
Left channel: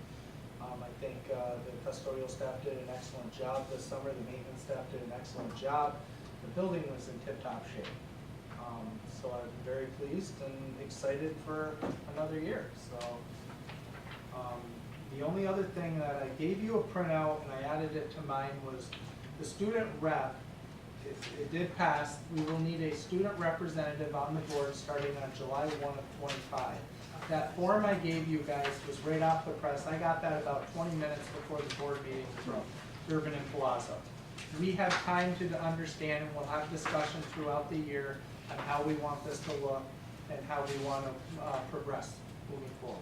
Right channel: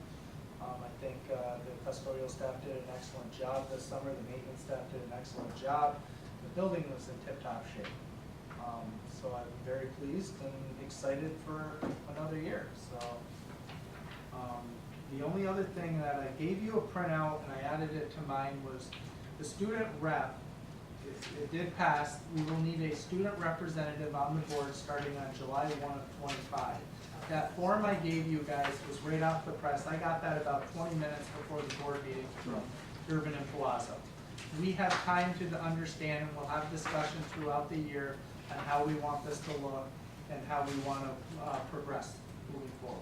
I think the custodial staff did an excellent job this summer. The maintenance staff did an excellent job. The building was in tip-top shape. So I'm very pleased and excited for another year. So the only other thing that I gave you a printout and I added it to mine was the student rep. It did pass. We will need a student representative on the board starting on July 1 of 25. That form I gave you guys was right off the press. I got that about 20 minutes before the board meeting from Urban and Palazzo. We have time to understand and we'll have discussion throughout the year on how we want this to look and how we want to progress moving forward.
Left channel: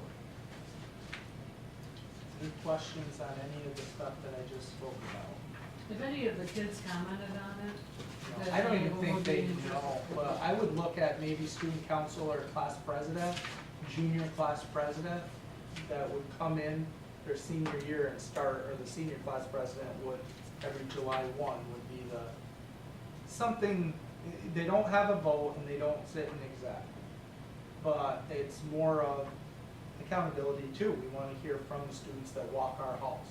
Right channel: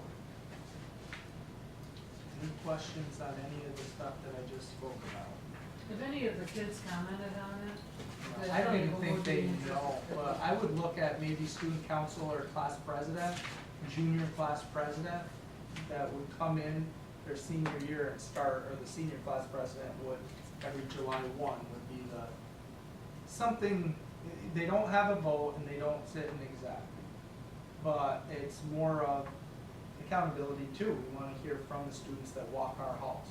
Any questions on any of the stuff that I just spoke about? If any of the kids commented on it? No, I don't even think they know, but I would look at maybe student council or class president, junior class president, that would come in their senior year and start, or the senior class president would, every July 1 would be the, something, they don't have a vote and they don't sit in exec. But it's more of accountability too. We want to hear from the students that walk our halls.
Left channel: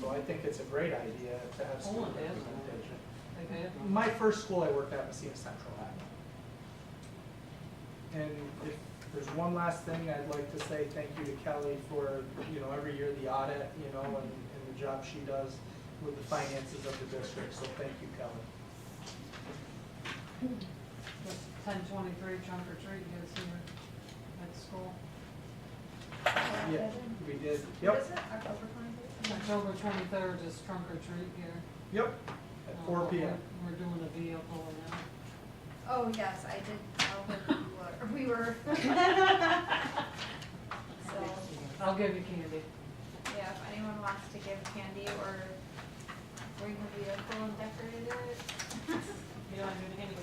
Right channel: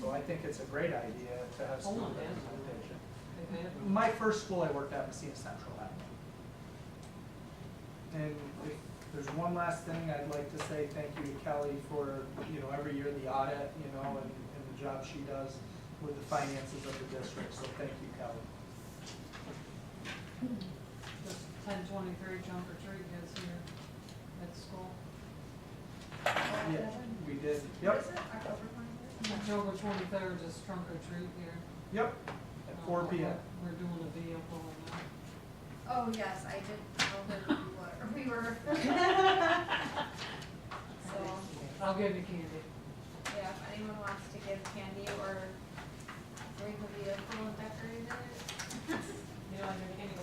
So I think it's a great idea to have student Poland has one. representation. They've had one. My first school I worked at, Messina Central, had one. And if there's one last thing, I'd like to say thank you to Kelly for, every year the audit, and the job she does with the finances of the district, so thank you, Kelly. The 10/23 trunk or treat goes here at the school. Yeah, we did, What yep, is it, October 23rd? October 23rd is trunk or treat here. yep, at 4 p.m. We're doing a vehicle now. Oh, yes, I did tell her we were. So, I'll give you candy. yeah, if anyone wants to give candy or bring the vehicle and decorate it. You don't do anything, you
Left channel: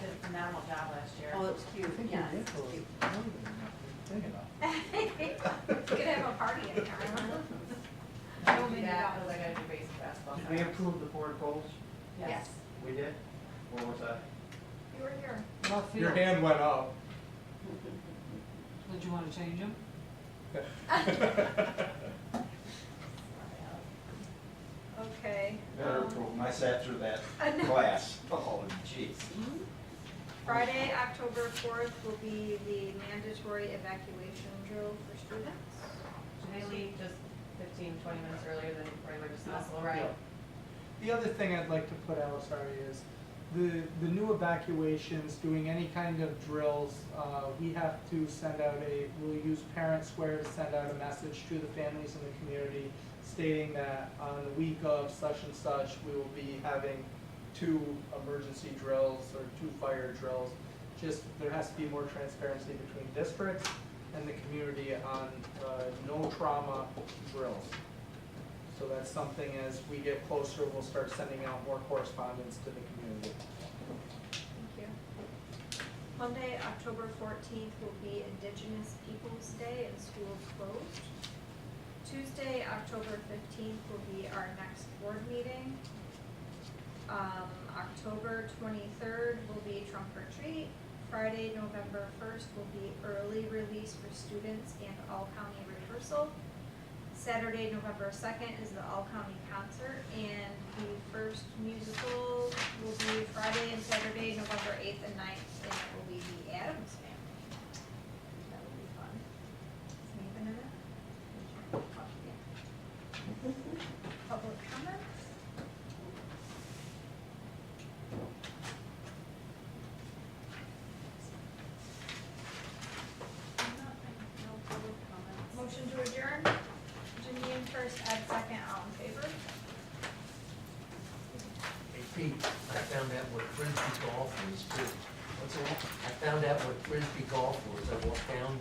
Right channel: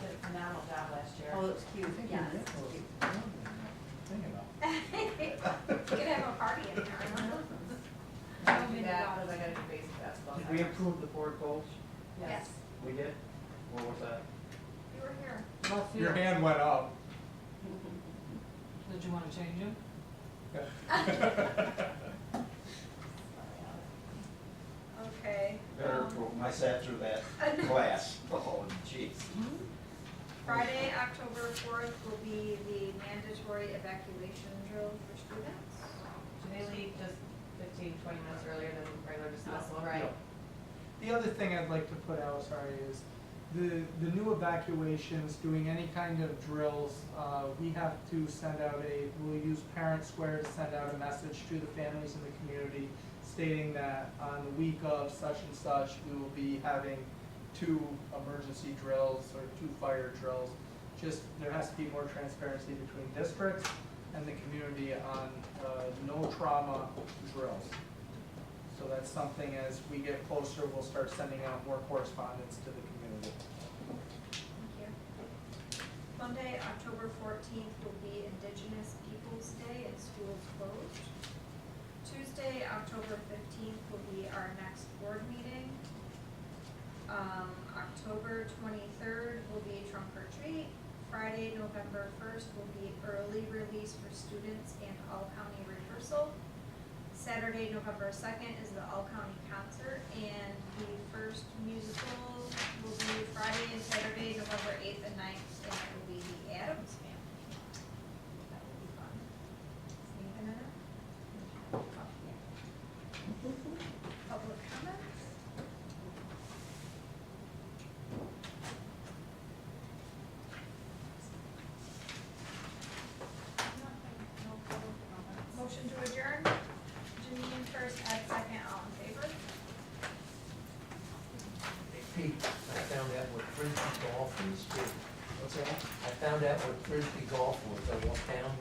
did a phenomenal job last year. Oh, it was cute, I think yes, you it's did. cute. Thing enough. Could have a party in there. I No don't do mini that, golf. because I gotta do basic basketball. Did we approve the board goals? Yes, We did? What was that? you were here. About Your fields. hand went up. Did you wanna change them? Okay. Better approve 'em. I sat through that no. class. Oh, jeez. Friday, October 4th will be the mandatory evacuation drill for students. Do they leave just 15, 20 minutes earlier than regular dismissal? Right. The other thing I'd like to put out, is the new evacuations, doing any kind of drills, we have to send out we'll use Parent Square to send out a message to the families in the community stating that on the week of such and such, we will be having 2 emergency drills or 2 fire drills. Just, there has to be more transparency between districts and the community on no trauma drills. So that's something, as we get closer, we'll start sending out more correspondence to the community. Thank you. Monday, October 14th will be Indigenous Peoples' Day and schools closed. Tuesday, October 15th will be our next board meeting. October 23rd will be trunk or treat. Friday, November 1st will be early release for students and all county rehearsal. Saturday, November second is the all-county concert, and the first musical will be Friday and Saturday, November 8th and 9th, and it will be the Addams Family. That will be fun. Is Nathan in it? Oh, yeah. Public comments? No public comments. Motion to adjourn? Janine first, Ed second, all in favor? Hey Pete, I found out what frisbee golf is too. What's that? I found out what frisbee golf was. I walked down